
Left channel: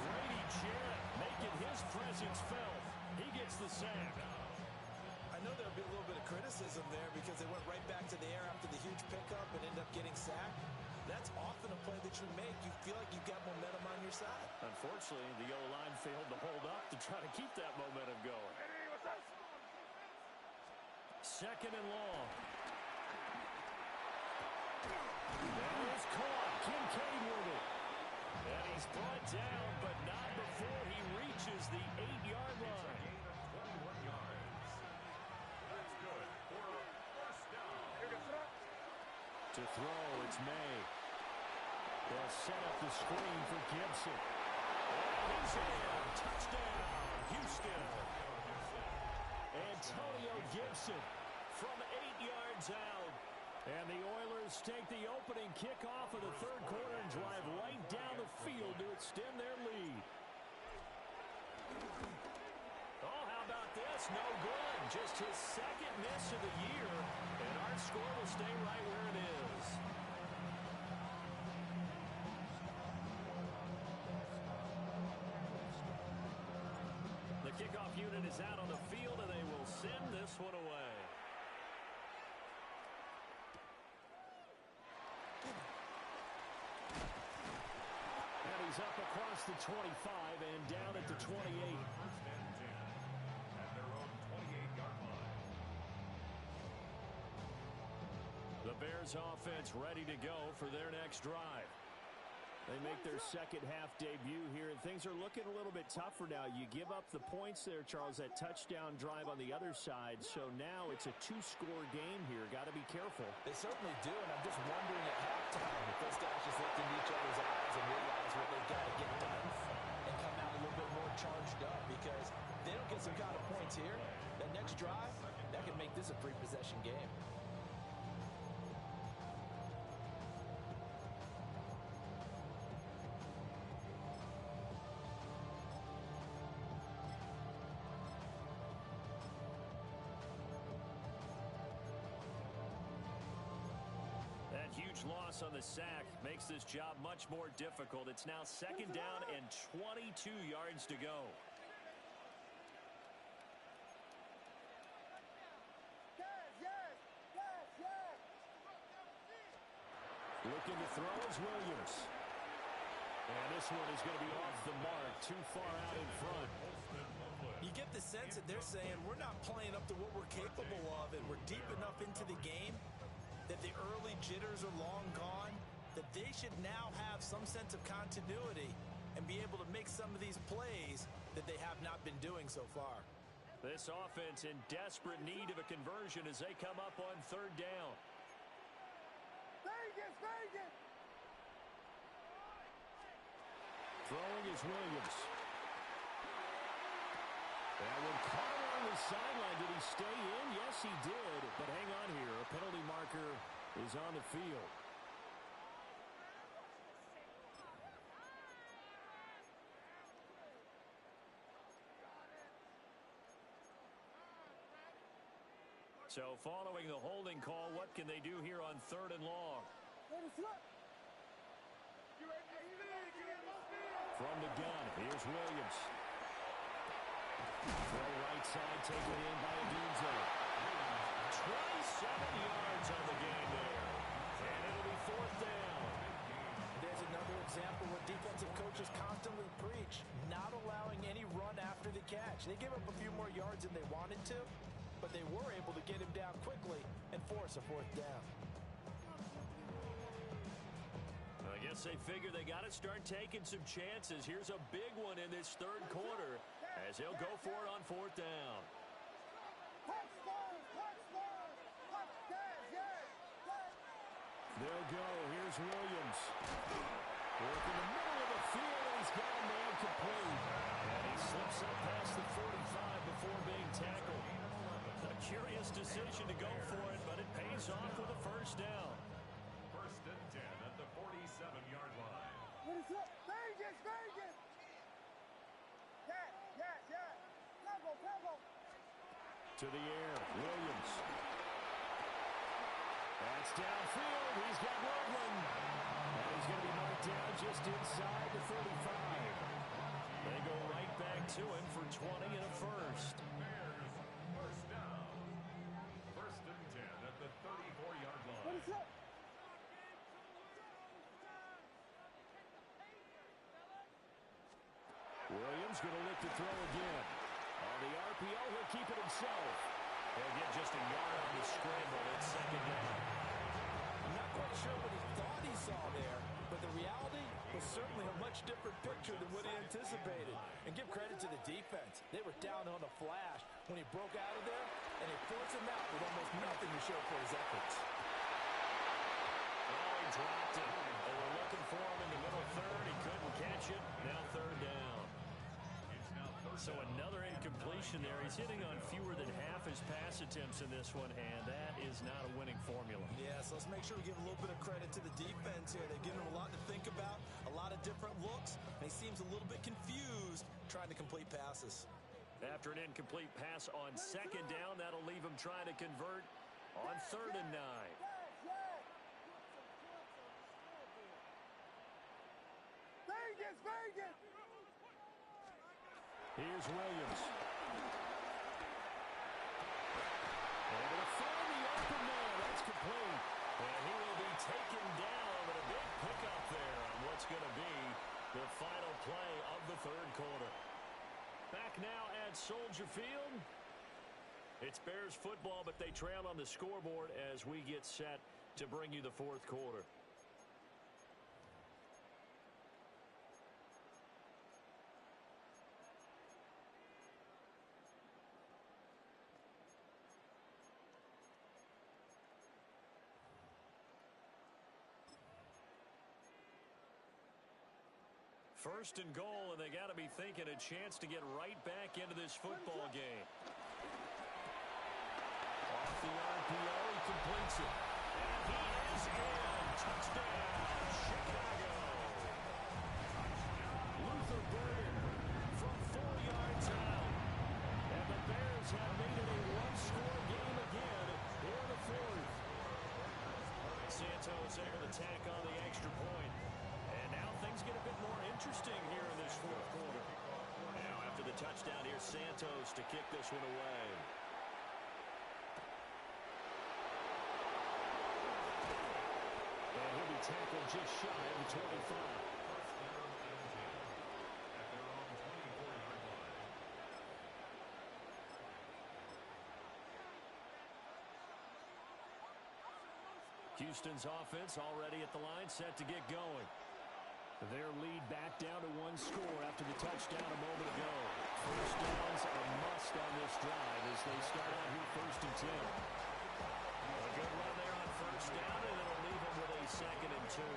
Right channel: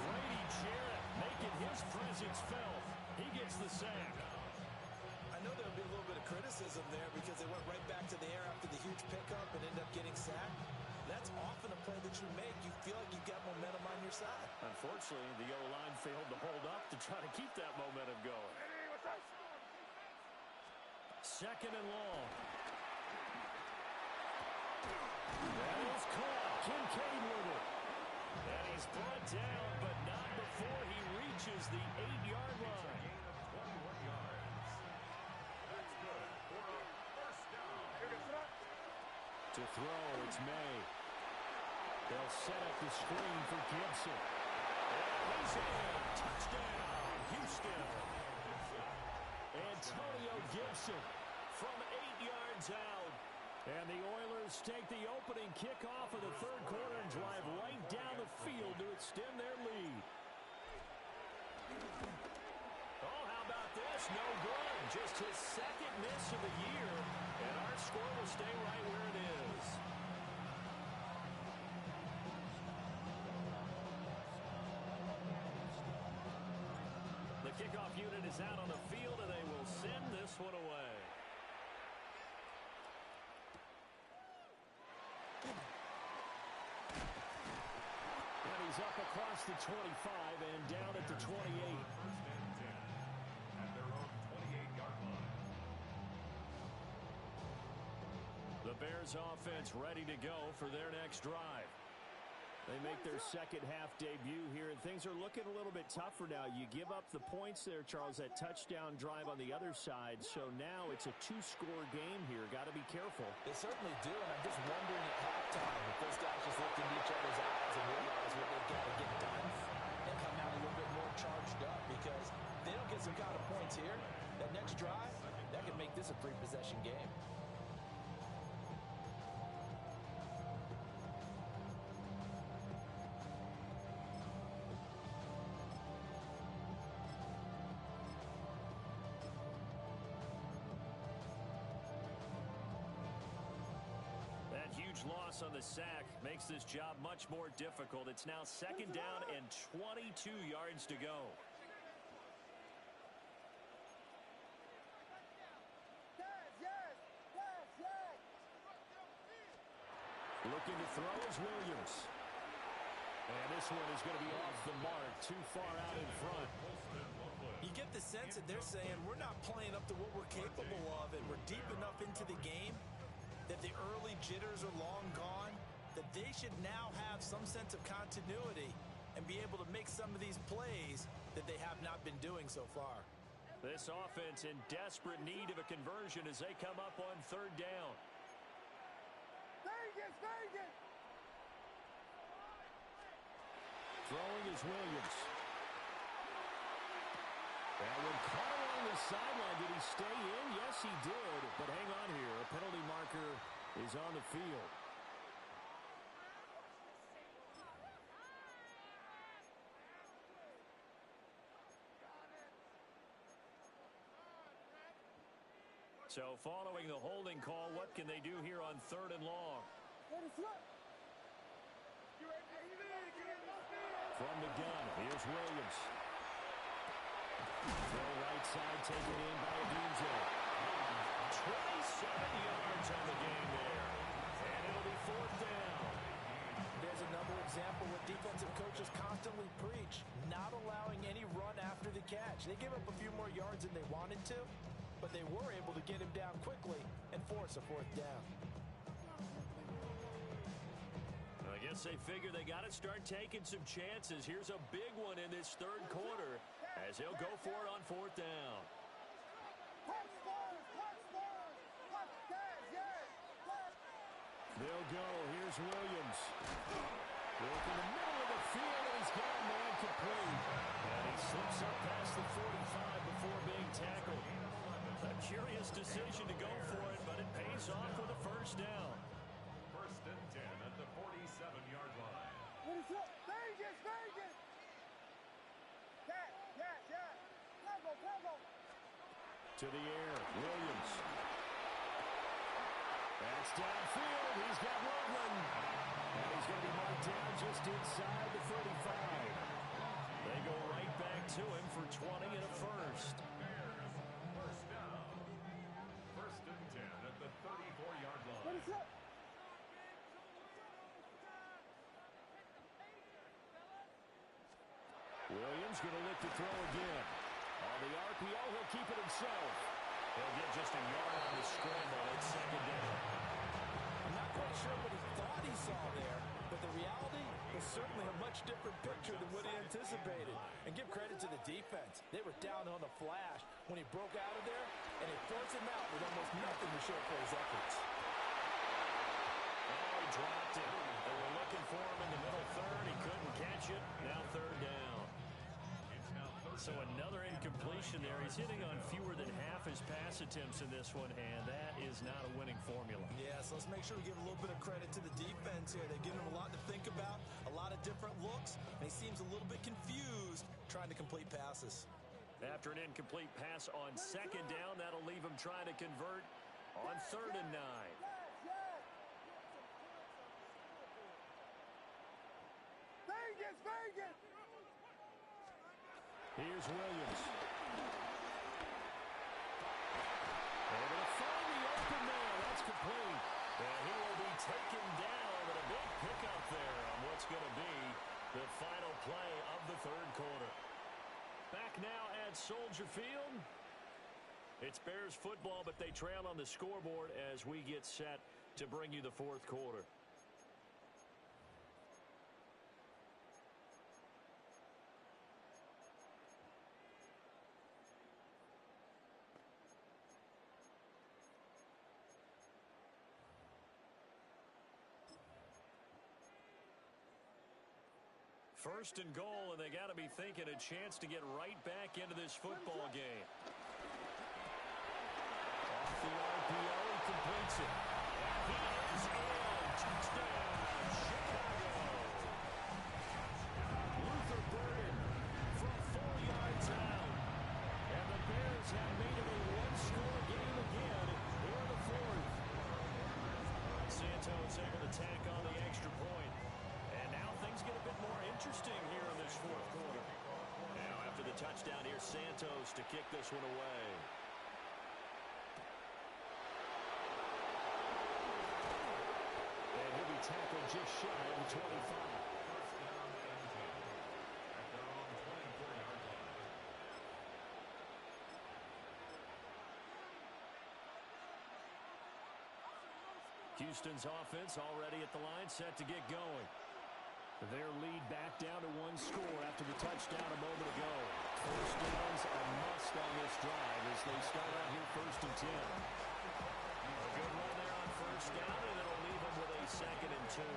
Grady Jarrett making his presence felt. He gets the sack. I know there'll be a little bit of criticism there because they went right back to the air after the huge pickup and ended up getting sacked. That's often a play that you make. You feel like you've got momentum on your side. Unfortunately, the O-line failed to hold up to try to keep that momentum going. Hey, what's up? Second and long. That is caught. Kincaid with it. And he's brought down, but not before he reaches the 8-yard line. Gain of 21 yards. That's good for a first down. To throw, it's May. They'll set up the screen for Gibson. And he's in. Touchdown, Houston. Antonio Gibson from 8 yards out. And the Oilers take the opening kickoff of the third quarter and drive right down the field to extend their lead. Oh, how about this? No good. Just his second miss of the year. And our score will stay right where it is. The kickoff unit is out on the field, and they will send this one away. And he's up across the 25 and down at the 28. First and 10 at their own 28-yard line. The Bears offense ready to go for their next drive. They make their second half debut here, and things are looking a little bit tougher now. You give up the points there, Charles, that touchdown drive on the other side. So now it's a 2-score game here. Got to be careful. They certainly do, and I'm just wondering at halftime if those guys just looked into each other's eyes and realize what they've got to get done and come out a little bit more charged up, because if they don't get some kind of points here, that next drive, that could make this a 3-possession game. That huge loss on the sack makes this job much more difficult. It's now second down and 22 yards to go. Looking to throw is Williams. And this one is going to be off the mark, too far out in front. You get the sense that they're saying we're not playing up to what we're capable of, and we're deep enough into the game that the early jitters are long gone, that they should now have some sense of continuity and be able to make some of these plays that they have not been doing so far. This offense in desperate need of a conversion as they come up on third down. Vegas, Vegas! Throwing is Williams. That one caught along the sideline. Did he stay in? Yes, he did. But hang on here. A penalty marker is on the field. So following the holding call, what can they do here on third and long? From the gun, here's Williams. Throw right side, taken in by Adunze. 27 yards on the game there. And it'll be fourth down. There's another example what defensive coaches constantly preach, not allowing any run after the catch. They gave up a few more yards than they wanted to, but they were able to get him down quickly and force a fourth down. I guess they figure they got to start taking some chances. Here's a big one in this third quarter as they'll go for it on fourth down. They'll go. Here's Williams. Work in the middle of the field, and he's got a man complete. And he slips up past the 45 before being tackled. A curious decision to go for it, but it pays off with a first down. First and 10 at the 47-yard line. What is up? Vegas, Vegas! Yes. Tempo. To the air, Williams. That's downfield. He's got Loveland. And he's going to be marked down just inside the 35. They go right back to him for 20 and a first. Bears, first down. First and 10 at the 34-yard line. What is up? Williams going to look to throw again. On the RPO, he'll keep it himself. He'll get just a yard on the scramble. It's second down. I'm not quite sure what he thought he saw there, but the reality was certainly a much different picture than what he anticipated. And give credit to the defense. They were down on the flash when he broke out of there, and they forced him out with almost nothing to show for his efforts. Oh, he dropped it. They were looking for him in the middle third. He couldn't catch it. Now third down. So another incompletion there. He's hitting on fewer than half his pass attempts in this one, and that is not a winning formula. Yeah, so let's make sure we give a little bit of credit to the defense here. They've given him a lot to think about, a lot of different looks, and he seems a little bit confused trying to complete passes. After an incomplete pass on second down, that'll leave him trying to convert on 3rd and 9. Vegas, Vegas! Here's Williams. Able to find the open man. That's complete. And he will be taken down, but a big pickup there on what's going to be the final play of the 3rd quarter. Back now at Soldier Field. It's Bears football, but they trail on the scoreboard as we get set to bring you the 4th quarter. First and goal, and they got to be thinking a chance to get right back into this football game. Off the RPO, he completes it. And he is in. Touchdown, Chicago. Luther Burden from 4 yards out. And the Bears have made it a one-score game again here in the 4th. Santos able to tack on the extra point. And now things get a bit more interesting here in this 4th quarter. Now after the touchdown, here's Santos to kick this one away. And he'll be tackled just shy of the 25. First down and 10 at their own 24-yard line. Houston's offense already at the line, set to get going. Their lead back down to 1 score after the touchdown a moment ago. First downs a must on this drive as they start out here 1st and 10. A good run there on first down, and it'll leave them with a 2nd and 2.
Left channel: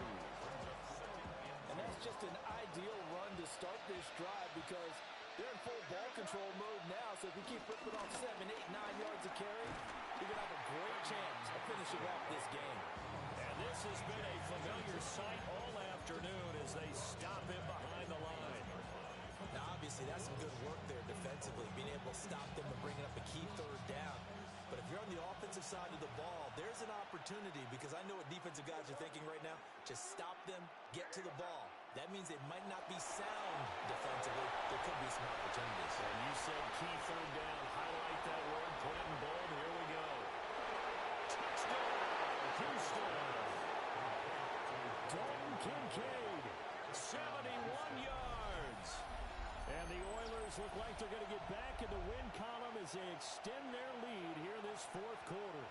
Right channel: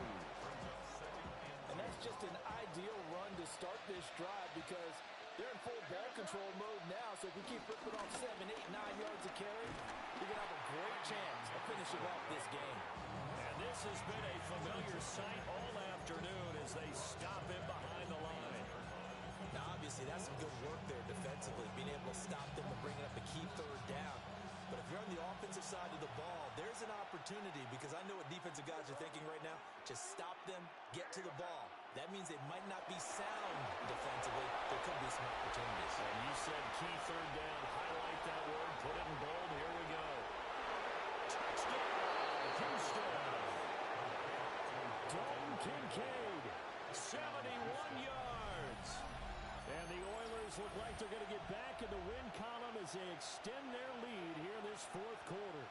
And that's just an ideal run to start this drive because they're in full ball control mode now. So if you keep ripping off 7, 8, 9 yards of carry, you're going to have a great chance of finishing off this game. And this has been a familiar sight all afternoon as they stop him behind the line. Now, obviously, that's some good work there defensively, being able to stop them and bringing up a key 3rd down. But if you're on the offensive side of the ball, there's an opportunity because I know what defensive guys are thinking right now. Just stop them, get to the ball. That means they might not be sound defensively. There could be some opportunities. And you said key 3rd down. Highlight that word. Put it in bold. Here we go. Touchdown, Houston. Dalton Kincaid, 71 yards. And the Oilers look like they're going to get back in the win column as they extend their lead here in this 4th quarter.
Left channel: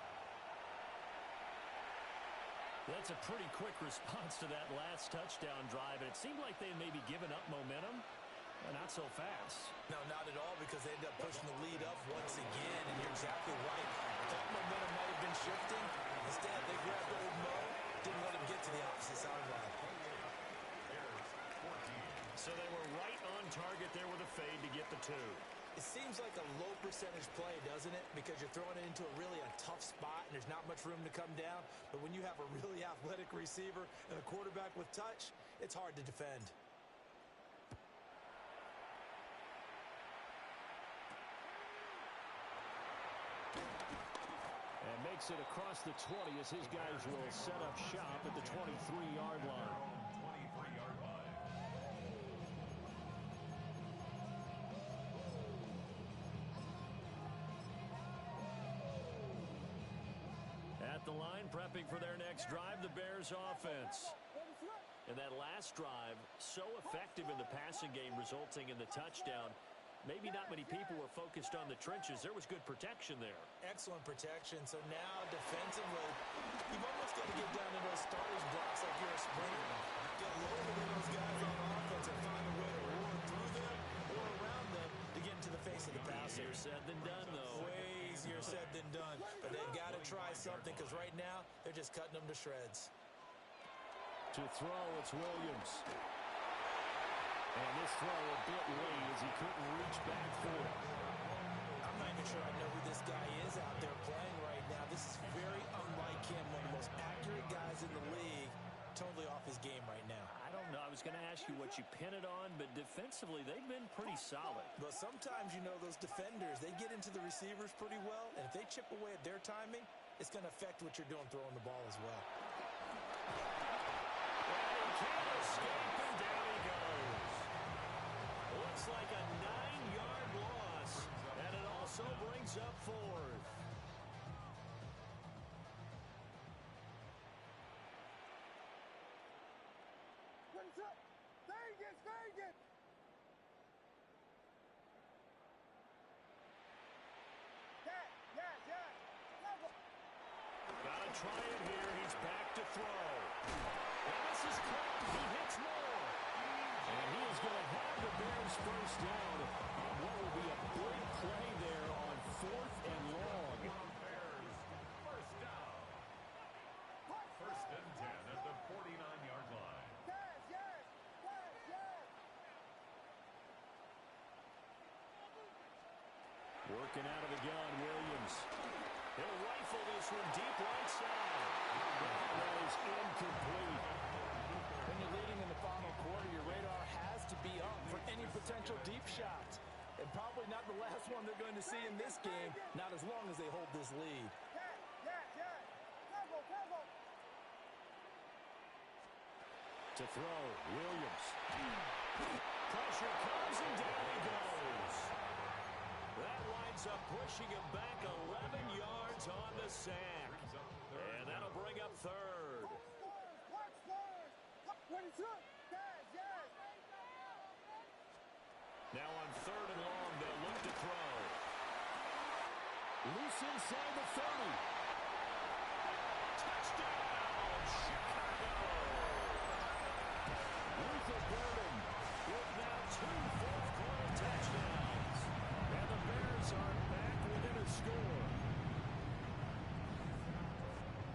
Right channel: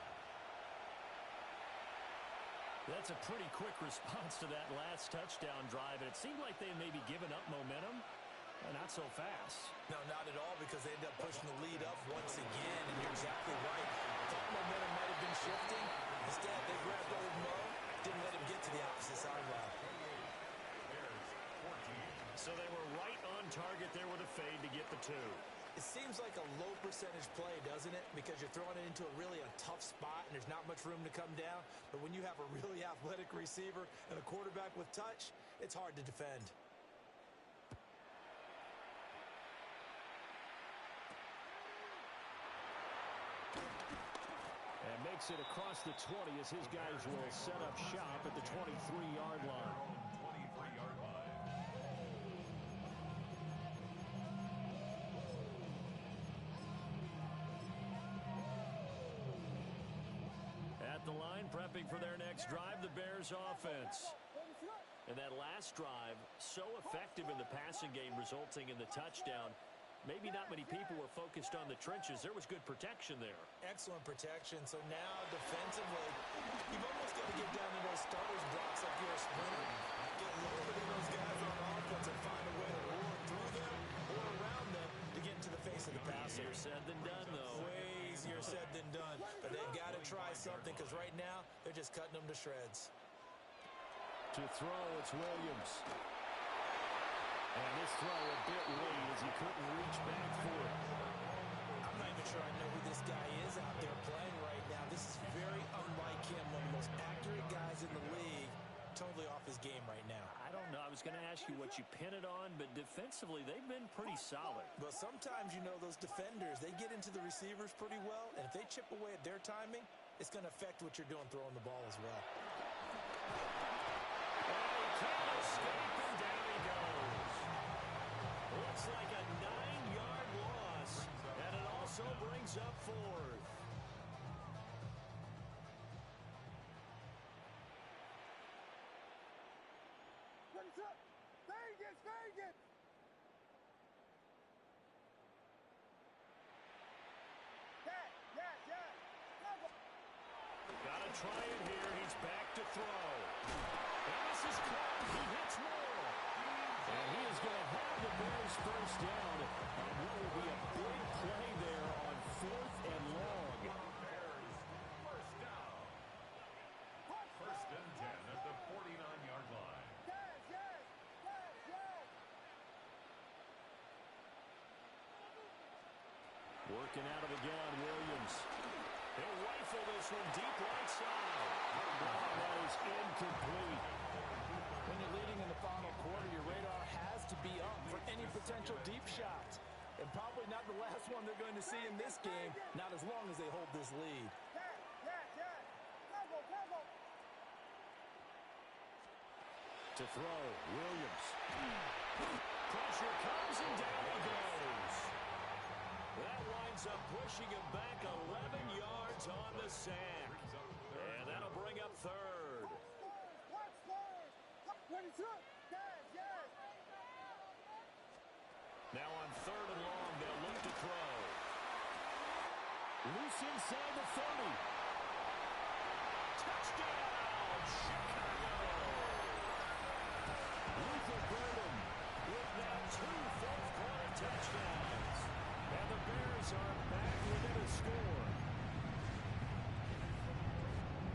That's a pretty quick response to that last touchdown drive. And it seemed like they had maybe given up momentum. Not so fast. No, not at all, because they ended up pushing the lead up once again, and you're exactly right. Thought momentum might have been shifting. Instead, they grabbed old Mo, didn't let him get to the opposite sideline. So they were right on target there with a fade to get the 2. It seems like a low percentage play, doesn't it? Because you're throwing it into a tough spot and there's not much room to come down. But when you have a really athletic receiver and a quarterback with touch, it's hard to defend. And makes it across the 20 as his guys will set up shop at the 23-yard line. 23-yard line. At the line, prepping for their next drive, the Bears offense. And that last drive, so effective in the passing game, resulting in the touchdown. Maybe not many people were focused on the trenches. There was good protection there. Excellent protection. So now defensively, you've almost got to get down to those starters blocks like you're a sprinter. Get lower than those guys on offense and find a way to roar through them or around them to get into the face of the passer. Easier said than done, though. Way easier said than done. But they've got to try something because right now they're just cutting them to shreds. To throw, it's Williams. And this throw a bit late as he couldn't reach back for it. I'm not even sure I know who this guy is out there playing right now. This is very unlike him, one of the most accurate guys in the league. Totally off his game right now. I don't know. I was going to ask you what you pin it on, but defensively, they've been pretty solid. But sometimes, you know, those defenders, they get into the receivers pretty well, and if they chip away at their timing, it's going to affect what you're doing throwing the ball as well. And he can't escape, and down he goes. Looks like a 9-yard loss, and it also brings up 4th. What's up? Vegas, Vegas! Yes. Level. Got to try it here. He's back to throw. And this is caught. He hits more. And he is going to have the Bears first down on what will be a big play there on 4th and long. Bears first down. First and 10 at the 49-yard line. Yes. Working out of the gun, Williams. He'll rifle this one deep right side. Oh, that is incomplete. When you're leading in the final quarter, your radar has to be up for any potential deep shots. And probably not the last one they're going to see in this game, not as long as they hold this lead. Yes. Level. To throw, Williams. Pressure comes and down he goes. That winds up pushing him back 11 yards on the sack. And that'll bring up 3rd. Watch first. When it's up. Yes. Now on 3rd and long, they'll look to throw. Loose inside the 30. Touchdown, Chicago! Luther Burden with now 2 fourth-quarter touchdowns. And the Bears are back within a score.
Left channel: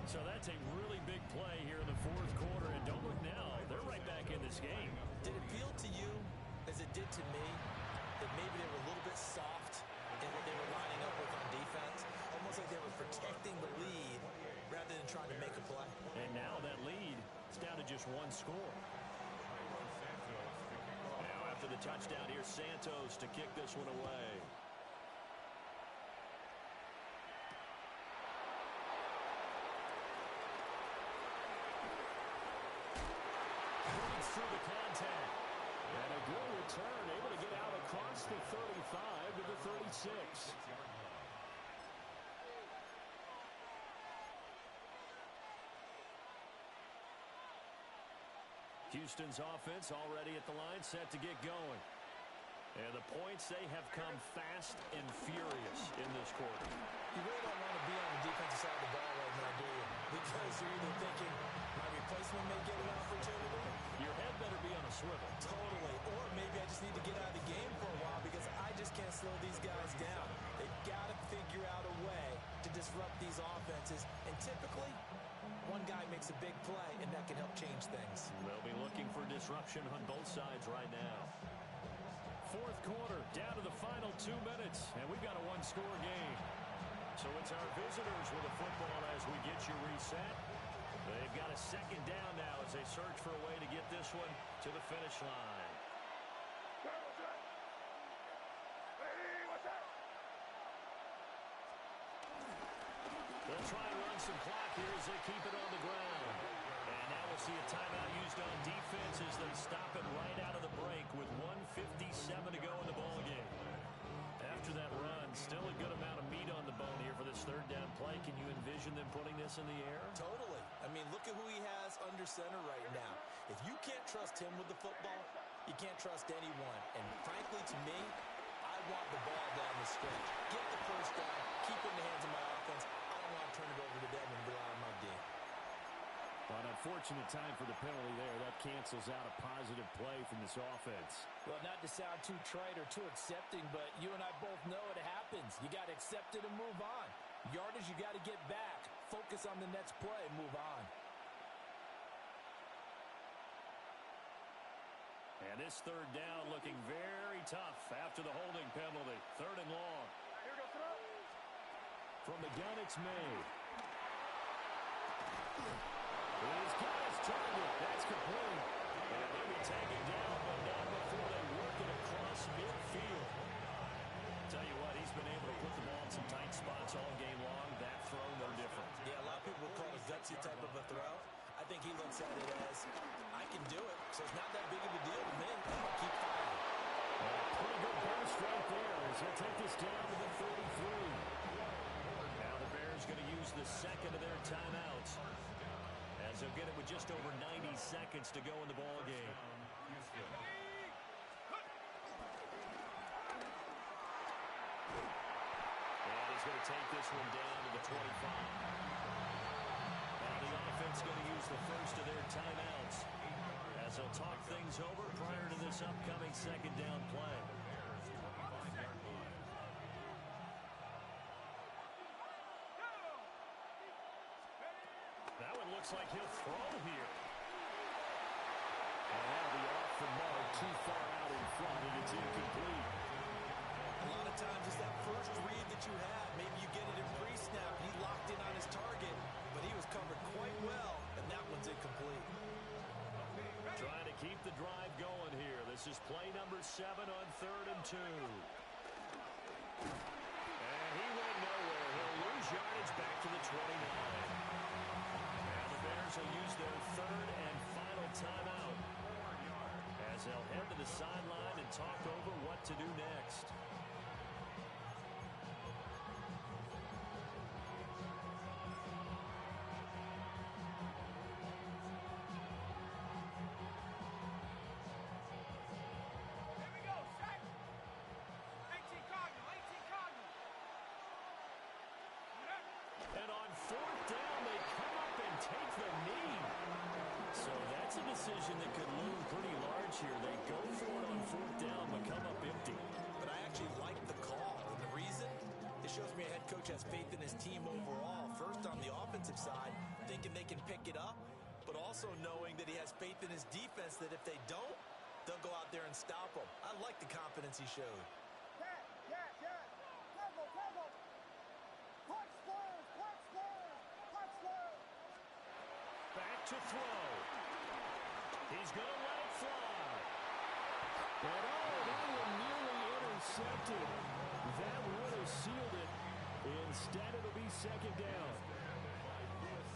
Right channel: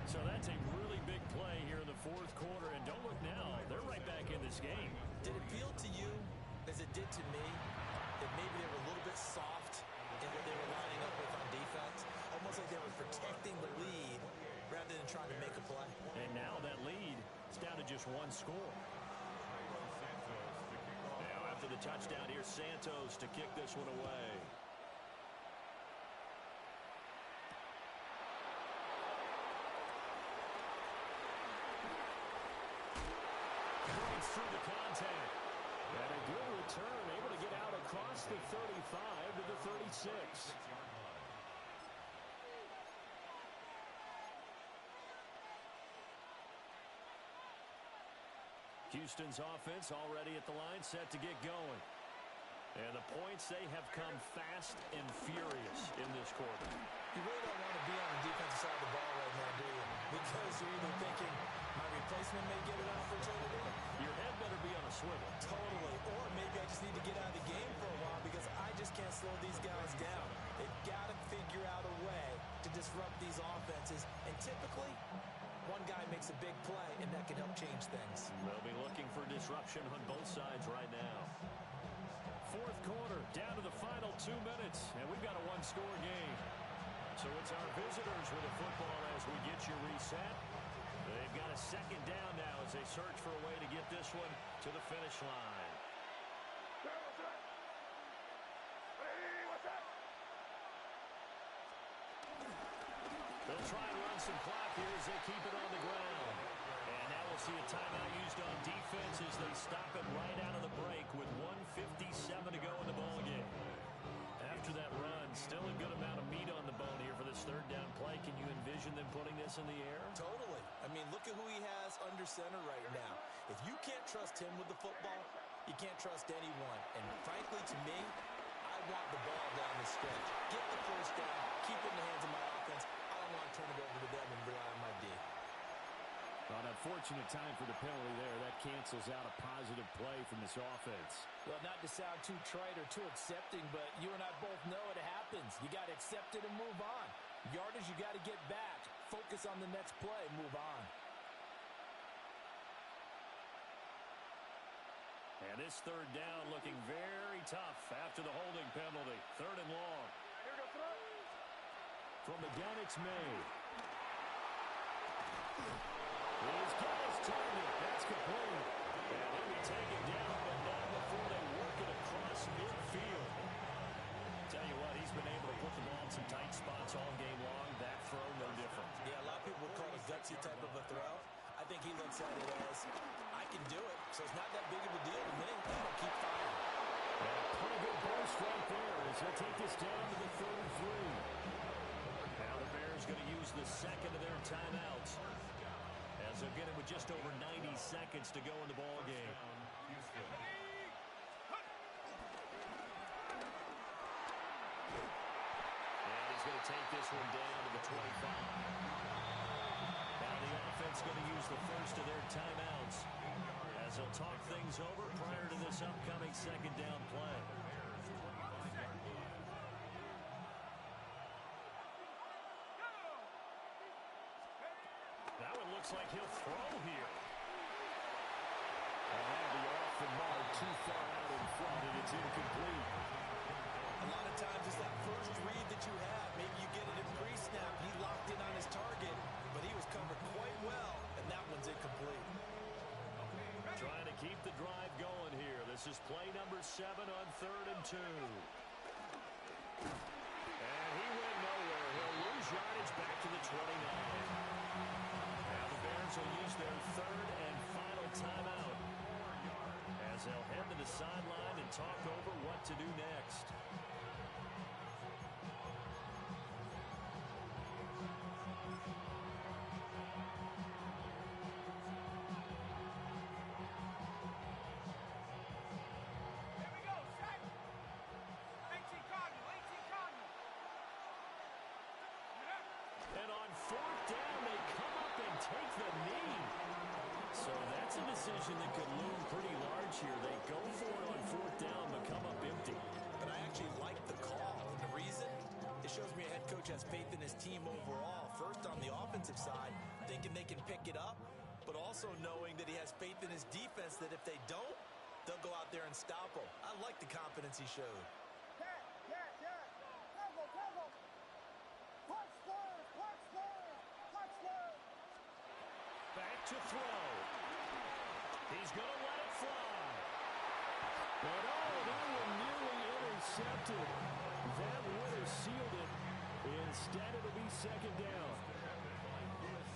So that's a really big play here in the 4th quarter. And don't look now, they're right back in this game. Did it feel to you, as it did to me, that maybe they were a little bit soft in what they were lining up with on defense? Almost like they were protecting the lead rather than trying to make a play. And now that lead is down to just 1 score. Now after the touchdown, here's Santos to kick this one away. Breaks through the contact. And a good return, able to get out across the 35 to the 36. Houston's offense already at the line, set to get going. And the points, they have come fast and furious in this quarter. You really don't want to be on the defensive side of the ball right now, do you? Because you're either thinking, my replacement may get an opportunity. Your head better be on a swivel. Totally. Or maybe I just need to get out of the game for a while because I just can't slow these guys down. They've got to figure out a way to disrupt these offenses. And typically, one guy makes a big play, and that can help change things. They'll be looking for disruption on both sides right now. 4th quarter, down to the final 2 minutes, and we've got a 1-score game. So it's our visitors with the football as we get you reset. They've got a 2nd down now as they search for a way to get this one to the finish line. What's that? Hey, what's that? They'll try and run some clock here as they keep it on the ground. And now we'll see a timeout used on defense as they stop it right out of the break with 1:57 to go in the ballgame. After that run, still a good amount of meat on the bone here for this 3rd down play. play, can you envision them putting this in the air? Totally. I mean, look at who he has under center right now. If you can't trust him with the football, you can't trust anyone. And frankly, to me, I want the ball down the stretch. Get the first down, keep it in the hands of my offense. I don't want to turn it over to them and rely on my D. An unfortunate time for the penalty there. That cancels out a positive play from this offense. Well, not to sound too trite or too accepting, but you and I both know it happens. You got to accept it and move on. Yardage, you got to get back. Focus on the next play. Move on. And this third down looking very tough after the holding penalty. 3rd and long. Here we go, throw. From the gun, it's May. He's got his target. That's complete. And he'll be taken down, but not before they work it across midfield. Tell you what, he's been able to put the ball in some tight spots all game long. That throw, no different. Yeah, a lot of people would call it a gutsy type of a throw. I think he looks at it as, I can do it, so it's not that big of a deal to me. I'm going to keep firing. And a pretty good burst right there as he'll take this down to the 33. Now the Bears going to use the second of their timeouts, as they'll get it with just over 90 seconds to go in the ball game. And he's going to take this one down to the 25. Now the offense going to use the first of their timeouts, as they'll talk things over prior to this upcoming second down play. That one looks like he'll throw here. And that'll be off the mark, too far out in front, and it's incomplete. A lot of times it's that first read that you have. Maybe you get it in pre-snap. He locked in on his target, but he was covered quite well, and that one's incomplete. Trying to keep the drive going here. This is play number 7 on 3rd and 2. And he went nowhere. He'll lose yardage back to the 29. Now the Bears will use their 3rd and final timeout, as they'll head to the sideline and talk over what to do next. Here we go, set. 18 Cardinal, 18 Cardinal. And on 4th down, they come up and take the knee. So that's a decision that could loom pretty large here. They go for it on 4th down, but come up empty. But I actually like the call, and the reason? It shows me a head coach has faith in his team overall. First, on the offensive side, thinking they can pick it up, but also knowing that he has faith in his defense that if they don't, they'll go out there and stop them. I like the confidence he showed. Yes, yes, yes. Tackle, tackle. Punch Spurs, punch Spurs, punch Spurs. Back to throw. He's going to let it fly. But that one nearly intercepted. That would have sealed it. Instead, it'll be 2nd down.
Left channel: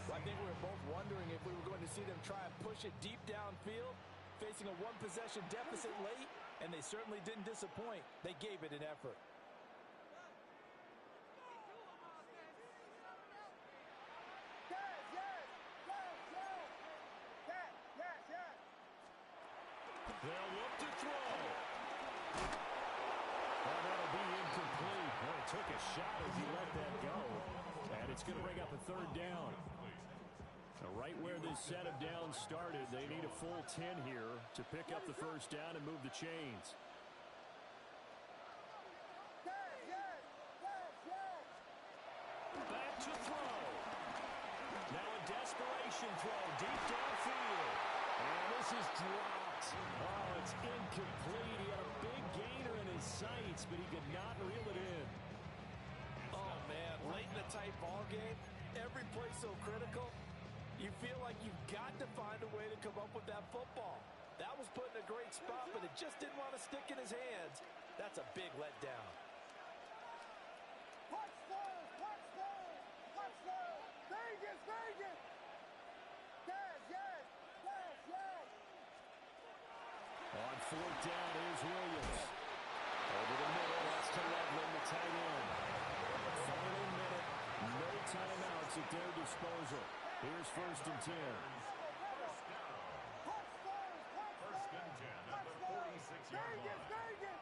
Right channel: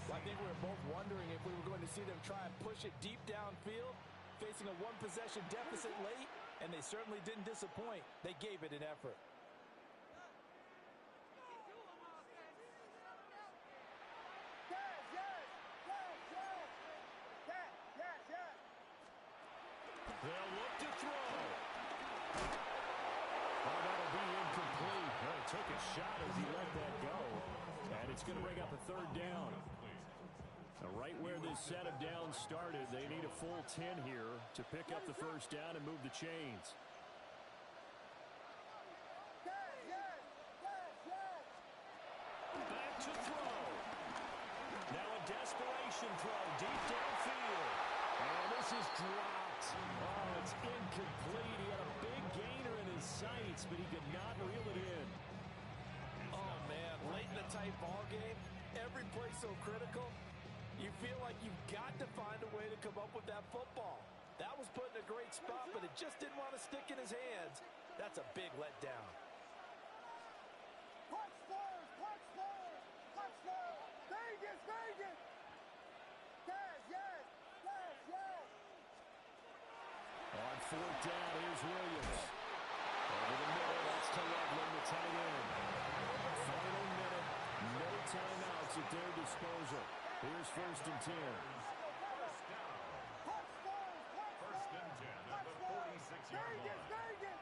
Well, I think we were both wondering if we were going to see them try and push it deep downfield, facing a one-possession deficit late, and they certainly didn't disappoint. They gave it an effort. Yes, yes, yes, yes. Yes, yes, yes. They'll look to throw. Oh, that'll be incomplete. Well, it took a shot as he let that go. And it's going to bring up a 3rd down. Now, right where this set of downs started, they need a full 10 here to pick up the 1st down and move the chains. Yes, yes, yes, yes. Back to throw. Now a desperation throw deep downfield. And this is dropped. Oh, it's incomplete. He had a big gainer in his sights, but he could not reel it in. Oh, man, late in a tight ball game, every play so critical, you feel like you've got to find a way to come up with that football. That was put in a great spot, but it just didn't want to stick in his hands. That's a big letdown. Punch Spurs, punch Spurs, punch Spurs. Vegas, Vegas. Yes, yes, yes, yes. On 4th down, here's Williams. Over the middle, that's to Loveland, the tight end. Final minute No timeouts at their disposal. Here's 1st and 10. First down. First and 10 at the 46-yard line. Vegas.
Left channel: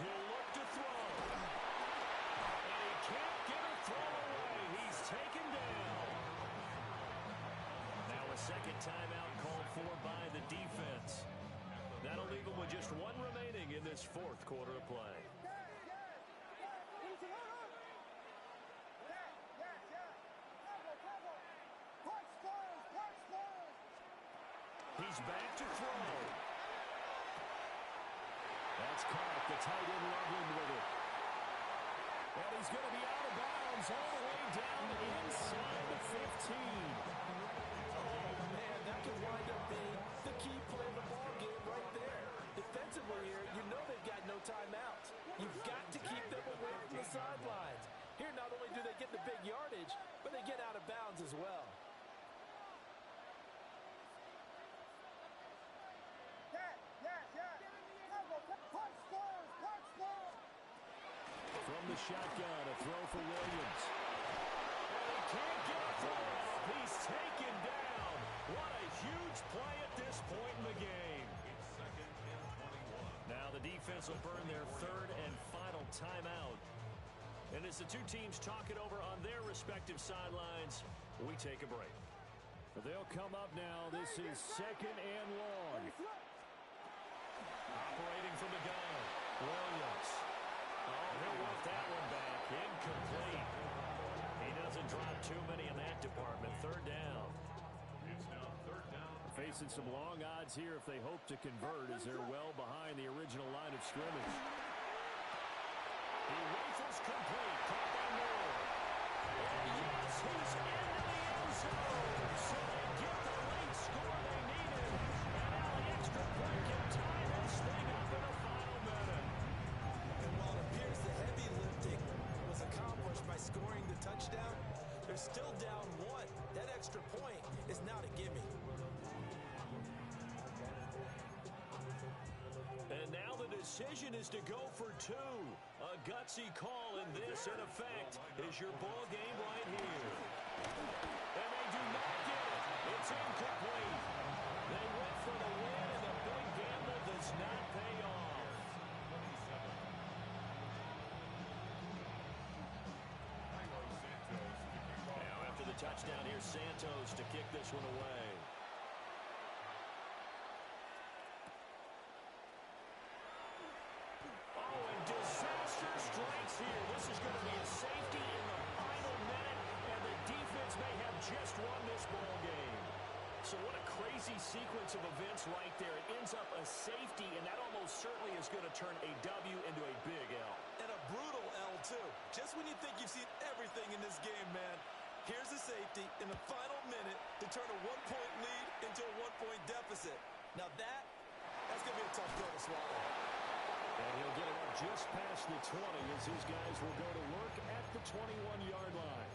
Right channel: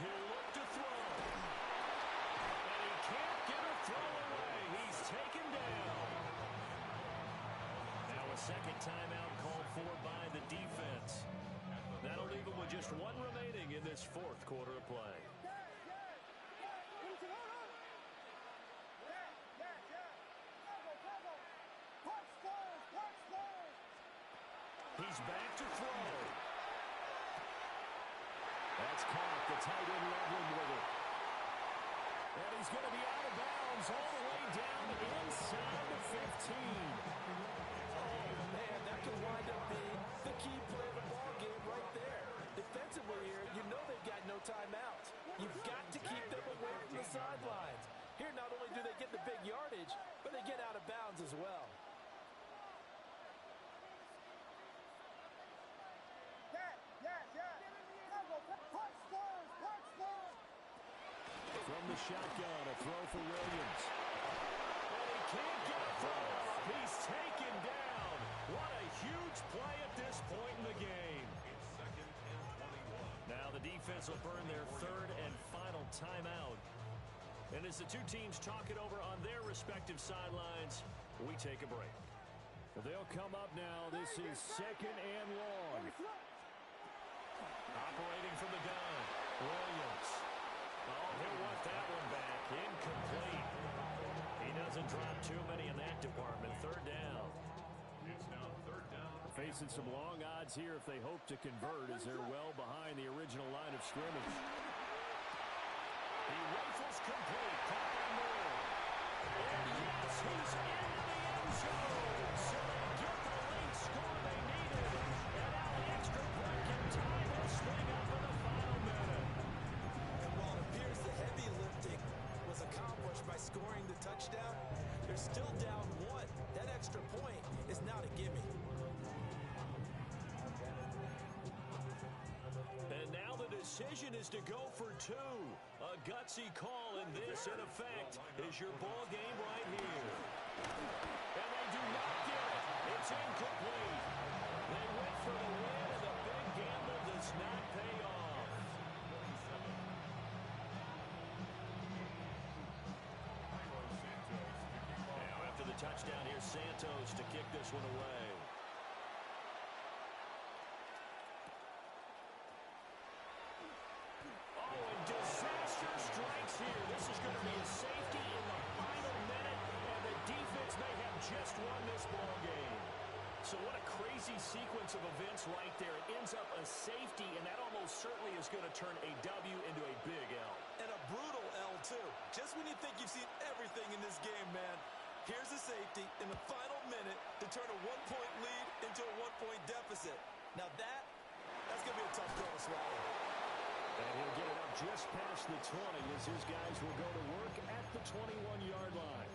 He'll look to throw. And he can't get a throw away. He's taken down. Now a second timeout called for by the defense. That'll leave him with just one remaining in this 4th quarter of play. He's back to throw. That's caught. The tight end Loveland with it. And he's going to be out of bounds all the way down inside the 15. Oh, man, that could wind up being the key play of the ball game right there. Defensively here, you know they've got no timeouts. You've got to keep them away from the sidelines. Here, not only do they get the big yardage, but they get out of bounds as well. From the shotgun, a throw for Williams. And he can't get a throw off. He's taken down. What a huge play at this point in the game. It's 2nd and 21. Now the defense will burn their 3rd and final timeout. And as the two teams talk it over on their respective sidelines, we take a break. They'll come up now. This is 2nd and long. Operating from the gun, Williams. Oh, he'll want that one back. Incomplete. He doesn't drop too many in that department. 3rd down. It's now 3rd down. Facing some long odds here if they hope to convert as they're well behind the original line of scrimmage. He rifles complete. Caught by Moore. And yes, he's into the end zone. So they get the late score they needed. And now the extra point can tie this thing up in the final minute. And while it appears the heavy lifting was accomplished by scoring the touchdown, they're still down 1. That extra point is not a gimme. And now the decision is to go for 2. A gutsy call, and this, in effect, is your ball game right here. And they do not get it. It's incomplete. They went for the win, and the big gamble does not pay off. 27. Now after the touchdown, here's Santos to kick this one away. Oh, and disaster strikes here. This is going to be a safety in the final minute, and the defense may have just won this ball game. So what a crazy sequence of events right there. It ends up a safety, and that almost certainly is going to turn a W into a big L. And a brutal L, too. Just when you think you've seen everything in this game, man, here's a safety in the final minute to turn a 1-point lead into a 1-point deficit. Now that's going to be a tough pill to swallow. And he'll get it up just past the 20 as his guys will go to work at the 21-yard line.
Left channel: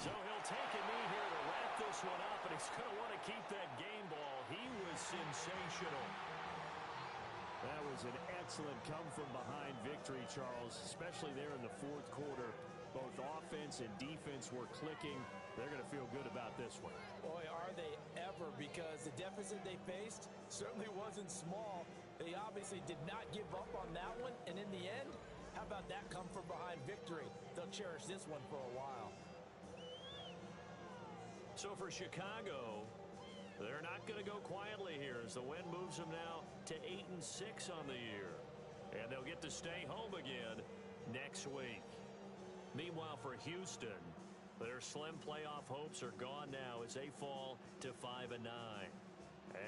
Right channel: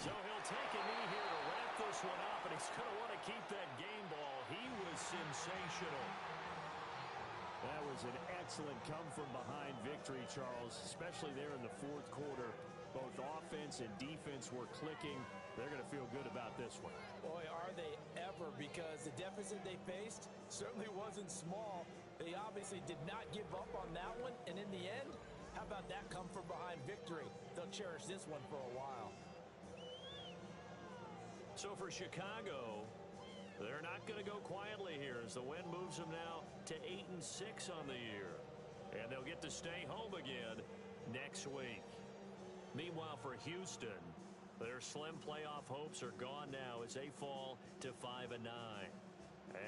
So he'll take a knee here to wrap this one up, and he's going to want to keep that game ball. He was sensational. That was an excellent come-from-behind victory, Charles, especially there in the 4th quarter. Both offense and defense were clicking. They're going to feel good about this one. Boy, are they ever, because the deficit they faced certainly wasn't small. They obviously did not give up on that one, and in the end, how about that come-from-behind victory? They'll cherish this one for a while. So for Chicago, they're not going to go quietly here as the win moves them now to 8-6 on the year. And they'll get to stay home again next week. Meanwhile, for Houston, their slim playoff hopes are gone now as they fall to 5-9.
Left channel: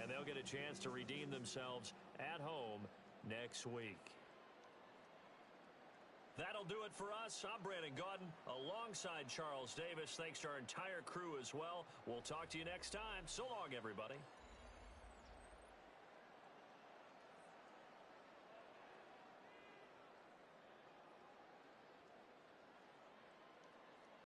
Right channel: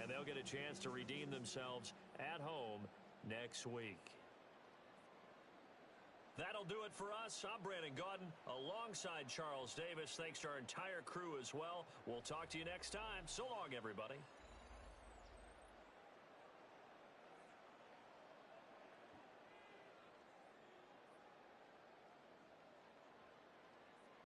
And they'll get a chance to redeem themselves at home next week. That'll do it for us. I'm Brandon Gaudin alongside Charles Davis. Thanks to our entire crew as well. We'll talk to you next time. So long, everybody.